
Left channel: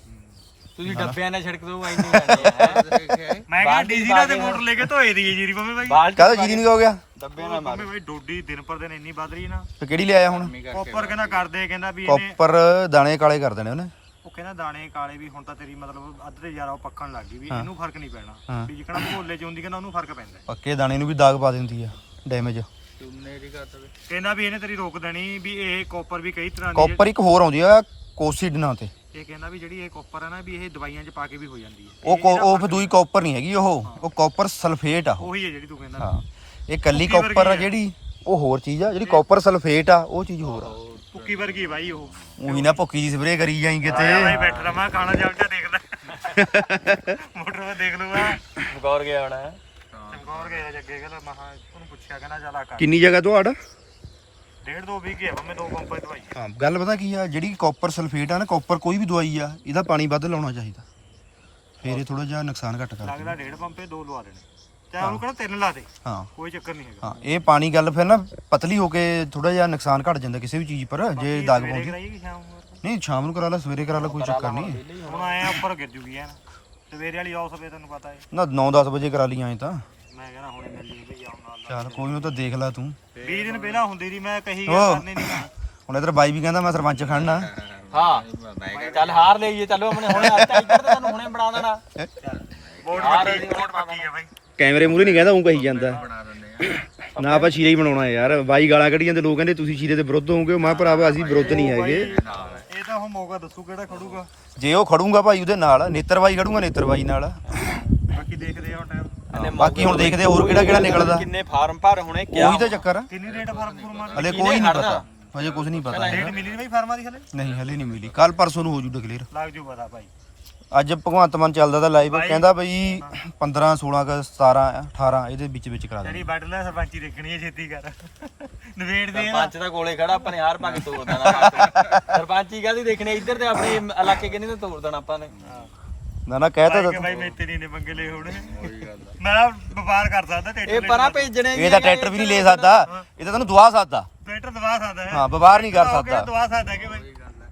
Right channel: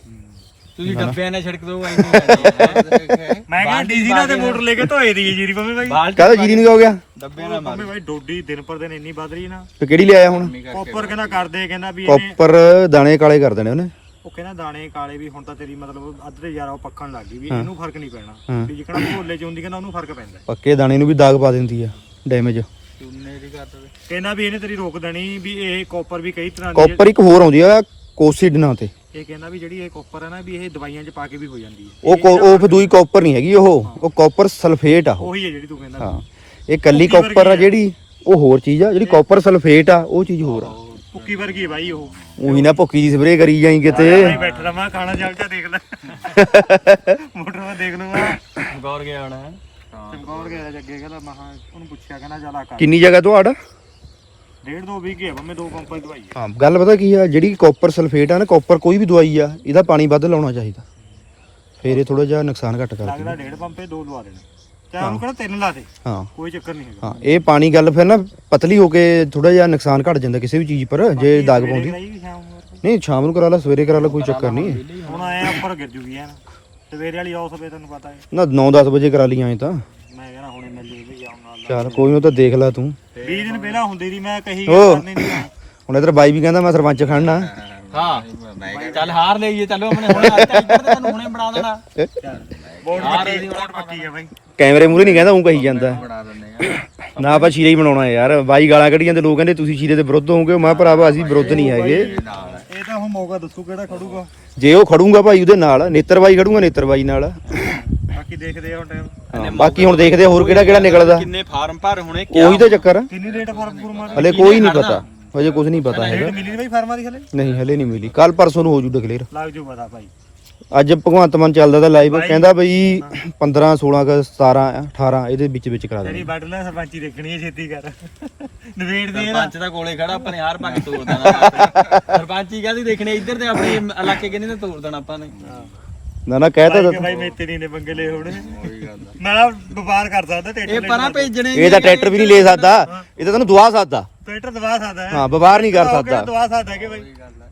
[SPEAKER 3] ਤੁਸੀਂ ਡੱਬਿਆਂ ਨਾਲ ਛਿੜਕ ਦੋ *laughs*
[SPEAKER 2] ਮੈਂ ਕਿਹਾ ਡੀਜ਼ੀ ਨਾਲ ਤੇ ਮੋਟਰ ਲੈ ਕੇ ਧੋਏ ਦੀ ਜੀਰੀ ਪੰਮੇ ਬਾਈ।
[SPEAKER 1] ਕਾਹਦਾ ਜੀਰੀ ਨਹੀਂ ਹੋ ਗਿਆ?
[SPEAKER 3] ਡੱਬਿਆਂ ਨਾਲ
[SPEAKER 2] ਪੰਮੇ ਬਾਈ ਡੋਡੀ ਦਿਨ ਪਰ ਦਿਨ ਇੰਨੀ ਵੱਧ ਰਹੀ ਨਾ।
[SPEAKER 1] ਤੇ ਕਿਹੜੀ ਲਿਆਇਆ ਹੁਣ?
[SPEAKER 2] ਕੋਪਰ ਕਹਿੰਦਾ ਕਰਦੇ ਕਹਿੰਦਾ ਵੀ ਇਹਨੇ
[SPEAKER 1] ਕਾਪਰ ਦਾਣੇ ਕਾਲੇ ਕਰ ਦੇਣੇ ਉਹਨੇ।
[SPEAKER 2] ਉਹ ਕਹਿੰਦਾ ਦਾਣੇ ਕਾਲੇ ਵੀ ਹੁਣ ਤਾਂ ਤੇਰੀ ਮਤਲਬ ਅੱਧ ਤੇ ਜ਼ਿਆਦਾ ਉਹ ਪੱਕਣ ਲੱਗ ਗਈ ਵੀ ਇਹਨੂੰ ਫ਼ਰਕ ਨਹੀਂ ਪੈਣਾ। ਵੀ ਜਿਕਣਾ ਭੋਲੇ ਚ ਹੁੰਦੀ ਕਹਿੰਦਾ ਉਹਨੂੰ ਫ਼ਰਕ ਪੈਂਦਾ।
[SPEAKER 1] ਪੱਕੇ ਦਾਣੇ ਨੂੰ ਵੀ ਦਾਗ ਪਾ ਦਿੰਦੀ ਆ ਡੈਮੇਜ
[SPEAKER 2] ਕਹਿੰਦਾ ਵੀ ਇਹਨੇ ਤੇਰੀ ਰੋਕ ਦੇਣੀ ਵੀ ਇਹ ਕੋਪਰ ਵੀ ਕਈ ਤਰ੍ਹਾਂ ਦੀ।
[SPEAKER 1] ਕਾਪਰ ਇੱਕ ਹੋਰ ਆਉਂਦੀ ਆ ਕੋਸੀਡਨਾਂ ਤੇ।
[SPEAKER 2] ਇਹ ਕਹਿੰਦਾ ਵੀ ਜਿਹੜੀ ਇਹ ਕੋਪਰ ਹੈ ਨਾ ਵੀ ਇਹ ਦਵਾਈਆਂ 'ਚ ਪਾ ਕੇ ਵੀ ਹੋ ਜਾਂਦੀ ਹੈ।
[SPEAKER 1] ਉਹ ਕੋ- ਉਹ ਫਿਰ ਦੂਈ ਕਾਪਰ ਨਹੀਂ ਹੈਗੀ ਉਹ। ਉਹ ਕਾਪਰ ਸਲਫੇਟ ਆ ਉਹ।
[SPEAKER 2] ਉਹੀ ਹੈ ਜਿਹੜੀ ਤੂੰ ਕਹਿੰਦਾ।
[SPEAKER 1] ਹਾਂ। ਇਹ ਕੱਲੀ ਕਾਪਰ ਆ ਜਿਹੜੀ ਉਹ ਹੋਰ ਚੀਜ਼ ਆ ਜਿਹੜੀ ਕਾਪਰ ਸਲਫੇਟ ਆ ਉਹ ਚੀਜ਼ ਹੋਰ ਆ।
[SPEAKER 2] ਪੁੱਕੀ ਵਰਗੀ ਹੈ ਬਾਈ ਉਹ।
[SPEAKER 1] ਉਹੀ ਨਾ ਭੁੱਕੀ ਦੀ ਸਪਰੇਅ ਕਰੀ ਜਾਈ ਕਿਤੇ।
[SPEAKER 2] ਬਾਈ ਬੈਠ ਰਮਾ ਖਾਣਾ ਚੱਲ ਜਾ ਦੇਖ ਲੈ। ਮੋਟਰ 'ਤੇ ਦੇਖ ਲੂਗਾ
[SPEAKER 3] ਗੌਰ ਗਿਆ ਹੋਣਾ। ਹੈ
[SPEAKER 2] ਚਮਕੌਰ ਗਿਆ ਜੱਗੇ ਕਹਿੰਦਾ ਮਹਾ ਉਹਨੂੰ ਪੁੱਛਿਆ ਕਹਿੰਦਾ ਚੱਲ ਆ ਕਰ।
[SPEAKER 1] ਕਿੰਨੀ ਜਗ੍ਹਾ ਤੋਂ ਆੜਾ?
[SPEAKER 2] ਡੇਢ ਦੋ ਵੀਹ ਹੈ ਬੰਮੇ ਦੋ ਪੰਪਾਂ ਦੀ ਦਵਾਈ ਹੈ
[SPEAKER 1] ਹਾਂ ਗੱਲ ਪਤਾ ਕੀ ਆ ਜਿਹੜੀ ਕਾਪਰ ਸਲਫੇਟ ਆ ਨਾ ਕਾਪਰ ਕੋਈ ਵੀ ਦਵਾਈ ਆ ਇਹਦਾ ਪਾਣੀ ਵੱਧ ਲਾਉਣਾ ਚਾਹੀਦਾ। ਫੇਰ ਇਹ ਥੋੜਾ ਜਿਹਾ ਨੁਕਸਾਨ ਘੱਟ ਕਰਦੀ
[SPEAKER 2] ਲੱਗਦਾ ਡੇਢ ਪੰਪੇ ਦੋ ਲਵਾ ਦੇਣੇ। ਚਾਹੇ ਉਹਨੂੰ ਕਹਿੰਦਾ ਤਿੰਨ ਲਾ ਦੇ
[SPEAKER 1] ਹਾਂ।
[SPEAKER 2] ਕੋਈ ਚੱਕਰ ਨਹੀਂ ਹੈਗਾ।
[SPEAKER 1] ਹਾਂ ਇਹ ਪਾਣੀ ਗੱਲ ਫਿਰ ਨਾ ਪਤਲੀ ਹੋ ਕੇ ਥੋੜਾ ਜਿਹਾ ਨੁਕਸਾਨ ਘਟ ਜਾਂਦਾ ਕਿਸੇ ਵੀ ਚੀਜ਼ ਪਰ ਜੇ ਦਾਗ ਪਾਉਂਦੀ। ਨਹੀਂ ਸ਼ਾਮ ਨੂੰ ਕਰਾ ਲਾ ਸਵੇਰੇ ਕਰਾ ਲਾ ਕੋਈ ਚੱਕਰ ਨਹੀਂ।
[SPEAKER 2] ਹੁਣ ਆਏ ਆ ਉੱਪਰ ਗਿਰ ਜੂਗੀ ਐਨ। ਸਵੇਰੇ ਵਾਲੀ ਆਉ ਸਵੇ ਤੈਨੂੰ ਪਤਾ ਹੈ
[SPEAKER 1] ਨਾ 9-10 ਵਜੇ ਕਰਾ ਲਈ ਐ ਤਾਂ।
[SPEAKER 2] ਮੈਂ ਕਹਿੰਦਾ ਹੁਣੇ ਮਿਲ ਨਾਲ
[SPEAKER 1] ਚੱਲ ਕੋਈ ਨਾ ਤਾਂ ਦੇਖ ਲੈ ਤੂੰ।
[SPEAKER 2] 20 ਦਿਨ ਪਹਿਲਾਂ ਹੁੰਦੀ ਦੀ ਮੈਂ ਕਹੀ। ਗੱਲ ਕਰਨੀ ਨਹੀਂ
[SPEAKER 1] ਹੁਣ ਇਧਰ ਬਾਈ ਵੀ ਕਹਿੰਦਾ ਮੈਂ ਸਰਪੰਚ ਖੜਨਾ।
[SPEAKER 3] ਹਾਂ। ਚੱਲ ਹਾਰ ਲਈਏ ਚਲੋ ਆਪਣੇ ਹੁਣੇ ਅੱਜ ਤਾਂ ਇੱਧਰ ਤਾਂ ਤੁਹਾਨੂੰ ਹੁਣੇ ਬਣਾ ਦੇਣਾ।
[SPEAKER 2] ਬੋਰਡ ਪੱਕੀ ਬੋਰਡ ਪੱਕੀ ਹੈ ਬਾਈ।
[SPEAKER 1] ਕੈਮਰੇ ਮੂਹਰੇ ਨਹੀਂ ਕਹਿੰਦਾ ਉਹ ਕਹੀ ਜਾਂਦਾ। ਨਾ ਆਪਾਂ ਸ਼ੀਰੇ ਹੀ ਬਣਾਉਣਾ ਯਾਰ। ਬਾਈ ਗਾਲਾਂ ਕੱਢੀ ਜਾਂਦੇ ਲੋਕ ਕਹਿੰਦੇ ਤੁਸੀਂ ਸ਼ੀਰੇ ਦੇ ਵਿਰੁੱਧ ਹੋਵੋਗੇ? ਮੈਂ ਭਰਾਵਾ ਅਸੀਂ ਵਿਰੁੱਧ ਨਹੀਂ ਹੈਗੇ।
[SPEAKER 4] ਨਾਲ ਹੈ।
[SPEAKER 2] ਇਹ ਤਾਂ ਹੁਣ ਮੌਕਾ ਦੱਸੂ ਕਿਹੜਾ ਖੜੂਗਾ।
[SPEAKER 1] ਜੇ ਉਹ ਖੜੂਗਾ ਭਾਈ ਉਹਦੇ ਨਾਲ ਨੇਤਰ ਬਾਈ ਖੜੂਗਾ ਨੇਤਰ ਬਾਈ ਨਾਲ।
[SPEAKER 2] ਬਾਕੀ ਦੇਖਦੇ ਆ ਹੁਣ ਟਾਈਮ
[SPEAKER 1] ਹਾਂ, ਬਾਕੀ ਹੁਣ ਦੇਖਦੇ ਆ ਹੋਰ ਕਿਹੜਾ ਕਿਹੜਾ ਨਿਕਲਦਾ।
[SPEAKER 3] ਕਿੰਨੇ ਫਾਰਮ ਭਰ ਹੁਣੇ?
[SPEAKER 1] ਉਹੀ ਤਾਂ ਚੱਕਰ ਆ।
[SPEAKER 2] ਕਿੰਨੀ ਰੇਟ ਫ਼ਰਕ ਫੁਰਮਾ ਦੀ
[SPEAKER 1] ਹਲੇ ਕੋਈ ਨਹੀਂ ਪਤਾ। ਹਜੇ ਕੁਝ ਨਹੀਂ ਪਤਾ ਹੈਗਾ।
[SPEAKER 2] ਰੇਟ ਮਿਲੀ ਨਹੀਂ ਬਾਈ ਫਾਰਮਾਂ ਦੀ ਹਲੇ?
[SPEAKER 1] ਨਹੀਂ ਹਲੇ ਨਹੀਂ ਮਿਲੀ। ਕੱਲ ਪਰਸੋਂ ਨੂੰ ਹੋ ਜੂ ਡਿਕਲੇਅਰ
[SPEAKER 2] ਲੱਗ ਜੂ ਪਤਾ ਭਾਈ
[SPEAKER 1] ਅੱਜ ਭਗਵੰਤ ਮਾਨ ਚੱਲਦਾ ਤਾਂ ਲਾਈਵ ਕਹਿੰਦਾ ਬਈ 15 16 ਕ 17 18 ਇਹਦੇ ਵਿੱਚ ਵਿੱਚ ਕਰਾ
[SPEAKER 2] ਤੇਰੀ
[SPEAKER 1] ਦੇਣੀ।
[SPEAKER 2] ਵੱਢ ਲੈ ਸਰਪੰਚੀ ਦੇਖਣੀ ਹੈ ਛੇਤੀ ਕਰ। ਨਵੇੜ ਦੇ ਨਾ
[SPEAKER 3] ਸਰਪੰਚ ਦਾ ਕੋਲੇ ਖੜਾ ਆਪਾਂ ਨੇ ਹਾਰ ਭੰਗ ਤੋੜ ਦੇਣਾ। ਸਰਪੰਚੀ ਕਾਹਦੀ ਦੇਖਣੀ ਇੱਧਰ ਤੇ ਆਪਣੇ ਇਲਾਕੇ ਕਿੰਨੇ ਤੇ ਤੋੜ ਦੇਣਾ ਆਪਾਂ ਨੇ?
[SPEAKER 1] ਨਾ ਨਾ ਕਹਿ
[SPEAKER 2] ਕਿ
[SPEAKER 1] ਤਾਂ
[SPEAKER 2] ਬਾਈ ਮੇਤੇ ਨਹੀਂ ਨੇ ਪੰਗੇ ਲਏ ਹੋਣੇ।
[SPEAKER 4] ਉਹੀ ਗੱਲ ਆ।
[SPEAKER 2] ਮੈਂ ਵਪਾਰ ਕਰ ਸਕਦਾ ਟਰੈਕਟਰ
[SPEAKER 3] ਇਹ ਪਰਾਂ ਭੇਜਣੇ
[SPEAKER 1] ਇਹ ਤਾਂ ਟਰੈਕਟਰ ਵੀ ਨਹੀਂ ਲੈ ਸਕਦਾ। ਇਹ ਤਾਂ ਤੈਨੂੰ ਦਵਾ ਸਕਦਾ।
[SPEAKER 2] ਟਰੈਕਟਰ ਦਵਾ ਸਕਦਾ ਹੈ।
[SPEAKER 1] ਹਾਂ ਵਪਾਰ ਨਹੀਂ ਕਰ ਸਕਦਾ।
[SPEAKER 2] ਦਵਾ ਸਕਦਾ ਕਿ ਬਾਈ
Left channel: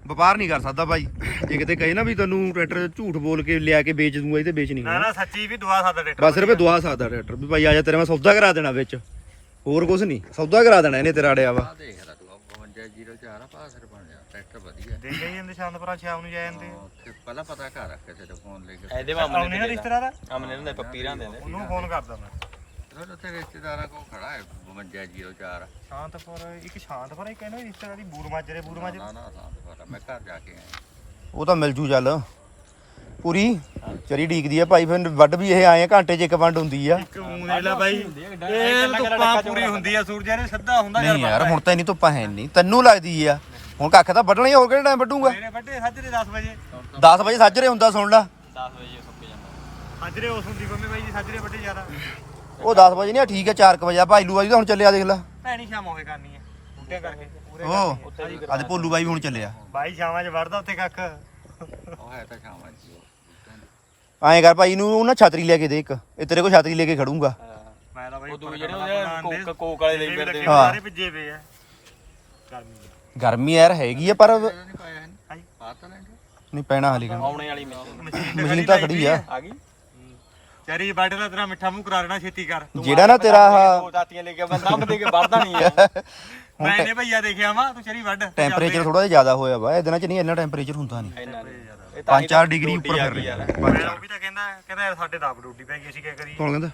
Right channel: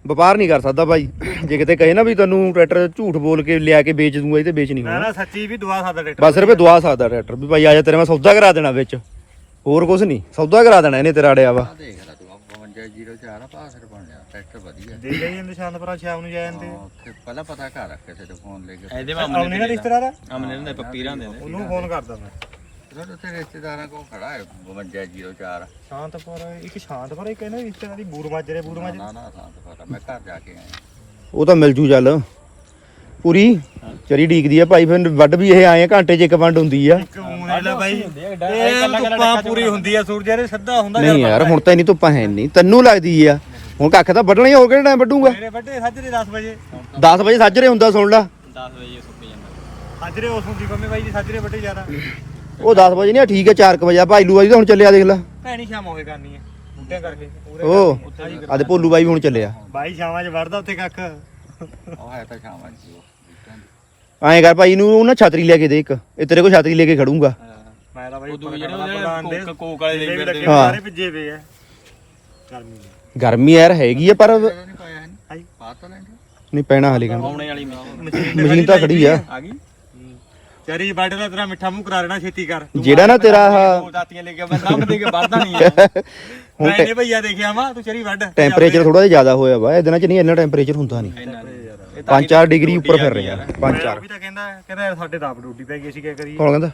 [SPEAKER 1] ਵਪਾਰ ਨਹੀਂ ਕਰ ਸਕਦਾ ਭਾਈ। ਜੇ ਕਿਤੇ ਕਹੇ ਨਾ ਵੀ ਤੈਨੂੰ ਟਰੈਕਟਰ ਝੂਠ ਬੋਲ ਕੇ ਲਿਆ ਕੇ ਵੇਚ ਦੂੰਗਾ ਇਹ ਤੇ ਵੇਚ ਨਹੀਂ
[SPEAKER 2] ਨਾ
[SPEAKER 1] ਹੋਣਾ।
[SPEAKER 2] ਨਾ ਸੱਚੀ ਵੀ ਦਵਾ ਸਕਦਾ ਟਰੈਕਟਰ।
[SPEAKER 1] ਬਸ ਰੁਪਏ ਦਵਾ ਸਕਦਾ ਟਰੈਕਟਰ। ਵੀ ਭਾਈ ਆ ਜਾ ਤੇਰੇ ਮੈਂ ਸੌਦਾ ਕਰਾ ਦੇਣਾ ਵਿੱਚ। ਹੋਰ ਕੁਝ ਨਹੀਂ। ਸੌਦਾ ਕਰਾ ਦੇਣਾ ਇਹਨੇ ਤੇਰਾ ਅੜਿਆ ਵਾ।
[SPEAKER 4] ਆ ਦੇਖ ਲੈ ਤੂੰ 5204 ਆ ਪਾਸਰ ਬਣ ਟਰੈਕਟਰ ਵਧੀਆ।
[SPEAKER 2] ਦੇ ਗਈ ਜਾਂਦੇ ਸ਼ਾਂਤਪੁਰਾ ਸ਼ਾਮ ਨੂੰ ਜਾ ਜਾਂਦੇ।
[SPEAKER 4] ਹਾਂ, ਉੱਥੇ ਪਹਿਲਾਂ ਪਤਾ ਕਰ ਰੱਖ ਕਿਸੇ ਤੋਂ ਫੋਨ ਲੈ ਕੇ।
[SPEAKER 3] ਇਹਦੇ
[SPEAKER 2] ਆਉਣੇ ਨਾ ਰਿਸ਼ਤੇਦਾਰ ਆ?
[SPEAKER 3] ਅਮਨੇ ਨੇ ਪੱਪੀ ਰਹਿੰਦੇ ਨੇ।
[SPEAKER 2] ਉਹਨੂੰ ਫੋਨ ਕਰਦਾ ਮੈਂ।
[SPEAKER 4] ਉਹਦੇ ਉੱਥੇ ਰਿਸ਼ਤੇਦਾਰਾਂ ਕੋਲ ਖੜਾ ਹੈ 5204
[SPEAKER 2] ਸ਼ਾਂਤਪੁਰ ਇੱਕ ਸ਼ਾਂਤਪੁਰ ਇੱਕ ਇਹਨਾਂ ਦੀ ਰਿਸ਼ਤੇਦਾਰੀ ਬੂਰ ਮਾਜਰੇ ਬੂਰ ਮਾਜਰੇ
[SPEAKER 4] ਨਾ ਨਾ ਸਾਂ ਪਤਾ ਮੈਂ ਘਰ ਜਾ ਕੇ ਆਇਆ।
[SPEAKER 1] ਉਹ ਤਾਂ ਮਿਲ ਜੂ ਚੱਲ। ਪੂਰੀ ਚਰੀ ਡੀਕਦੀ ਆ ਭਾਈ ਫਿਰ ਵੱਡ ਵੀ ਇਹ ਆਏ ਆ ਘੰਟੇ 'ਚ ਇੱਕ ਵੰਡ ਹੁੰਦੀ ਆ।
[SPEAKER 2] ਕਮੂਨੇ ਲਾ ਬਾਈ। ਇਹ ਧੁੱਪਾਂ ਪੂਰੀ ਹੁੰਦੀ ਆ ਸੂਰਜ ਇਹਦੇ ਸਿੱਧਾ ਹੁੰਦਾ
[SPEAKER 1] ਨਹੀਂ ਯਾਰ ਹੁਣ ਤਾਂ ਇੰਨੀ ਧੁੱਪਾਂ ਹੈ ਨਹੀਂ ਤੈਨੂੰ ਲੱਗਦੀ ਆ। ਹੁਣ ਕੱਖ ਤਾਂ ਵੱਢਣਾ ਹੀ ਹੋਰ ਕਿਹੜਾ ਟਾਈਮ ਵੱਢੂਗਾ?
[SPEAKER 2] ਮੇਰੇ ਵੱਡੇ ਸਾਜਰੇ 10 ਵਜੇ।
[SPEAKER 1] 10 ਵਜੇ ਸਾਜਰੇ ਹੁੰਦਾ ਸੁਣ ਲੈ।
[SPEAKER 3] 10 ਵਜੇ ਸੁੱਕ ਜਾਂਦਾ।
[SPEAKER 2] ਸਾਜਰੇ ਉਸ ਹੁੰਦੀ ਬੰਮੇ ਬਾਈ ਜੀ ਸਾਜਰੇ ਵੱਡੇ ਜ਼ਿਆਦਾ।
[SPEAKER 1] ਉਹ 10 ਵਜੇ ਨਹੀਂ ਆ, ਠੀਕ ਹੈ 4 ਵਜੇ ਆ। ਭਾਈ ਲੂ ਬਾਈ ਤਾਂ ਹੁਣ ਚੱਲਿਆ ਦੇਖ ਲੈ।
[SPEAKER 2] ਭੈਣੀ ਸ਼ਾਮ ਹੋਵੇ ਕਰਨੀ ਹੈ ਬੂਟਿਆਂ ਕਰਕੇ।
[SPEAKER 1] ਉਹ ਆਦੇ ਭੋਲੂ ਬਾਈ ਵੀ ਹੁਣ ਚੱਲਿਆ।
[SPEAKER 2] ਬਾਈ ਸ਼ਾਮਾਂ 'ਚ ਵੜਦਾ ਉੱਥੇ ਕੱਖ।
[SPEAKER 4] ਉਹ ਹੈ ਤਾਂ ਸ਼ਾਮਾਂ ਉਹ
[SPEAKER 1] ਐਂ ਕਰ ਭਾਈ ਨੂੰ ਨਾ ਛਤਰੀ ਲੈ ਕੇ ਦੇ ਇੱਕ। ਇਹ ਤੇਰੇ ਕੋਲ ਛਤਰੀ ਲੈ ਕੇ ਖੜੂੰਗਾ।
[SPEAKER 2] ਮੈਂ ਤਾਂ ਬਾਈ ਉੱਪਰ
[SPEAKER 3] ਜਿਹੜੇ
[SPEAKER 2] ਪ੍ਰਧਾਨ ਦੇ।
[SPEAKER 3] ਕੋਕ ਵਾਲੇ।
[SPEAKER 2] ਸਾਰੇ ਭਿੱਜੇ ਪਏ ਆ। ਗਰਮੀ।
[SPEAKER 1] ਗਰਮੀ ਯਾਰ ਹੈਗੀ ਆ ਪਰ ਨਹੀਂ ਪੈਣਾ ਹਲੇ ਕਹਿੰਦਾ।
[SPEAKER 3] ਆਉਣੇ ਵਾਲੀ ਮਸ਼ੀਨ
[SPEAKER 1] ਤਾਂ ਖੜੀ ਆ।
[SPEAKER 3] ਆ ਗਈ?
[SPEAKER 2] ਚਰੀ ਦਾ ਤੇਰਾ ਮਿੱਠਾ ਮੂੰਹ ਕਰਾ ਲੈਣਾ ਛੇਤੀ ਕਰ।
[SPEAKER 1] ਜਿਹੜਾ ਨਾ ਤੇਰਾ ਆਹ
[SPEAKER 3] ਦਾਤੀਆਂ ਲੈ ਕੇ ਬੰਦਾ ਦੇ ਕੇ ਵੜਦਾ ਨਹੀਂ *laughs* ਹੈ
[SPEAKER 2] ਮੈਂ ਨੇ ਭਈਆ ਦੇਖਿਆ ਵਾ ਤੂੰ ਚਰੀ ਵੱਢ।
[SPEAKER 1] ਟੈਂਪਰੇਚਰ ਥੋੜਾ ਜਿਹਾ ਜ਼ਿਆਦਾ ਹੋਇਆ ਵਾ ਇਹ ਦਿਨਾਂ 'ਚ ਨਹੀਂ ਇੰਨਾ ਟੈਂਪਰੇਚਰ ਹੁੰਦਾ ਨਹੀਂ।
[SPEAKER 3] ਇੰਨਾ ਨਹੀਂ।
[SPEAKER 1] 5-4 ਡਿਗਰੀ ਉੱਪਰ ਫਿਰ ਰਿਹਾ
[SPEAKER 2] ਮੈਂ
[SPEAKER 1] 5-4
[SPEAKER 2] ਉਹ ਵੀ ਤਾਂ ਕਹਿੰਦਾ ਕਹਿੰਦਾ ਸਾਡੇ ਤਾਂ ਆਪ ਡਿਊਟੀ ਪੈ ਗਈ ਸੀ ਕੀ ਕਰੀਏ?
[SPEAKER 1] ਕੌਣ ਕਹਿੰਦਾ?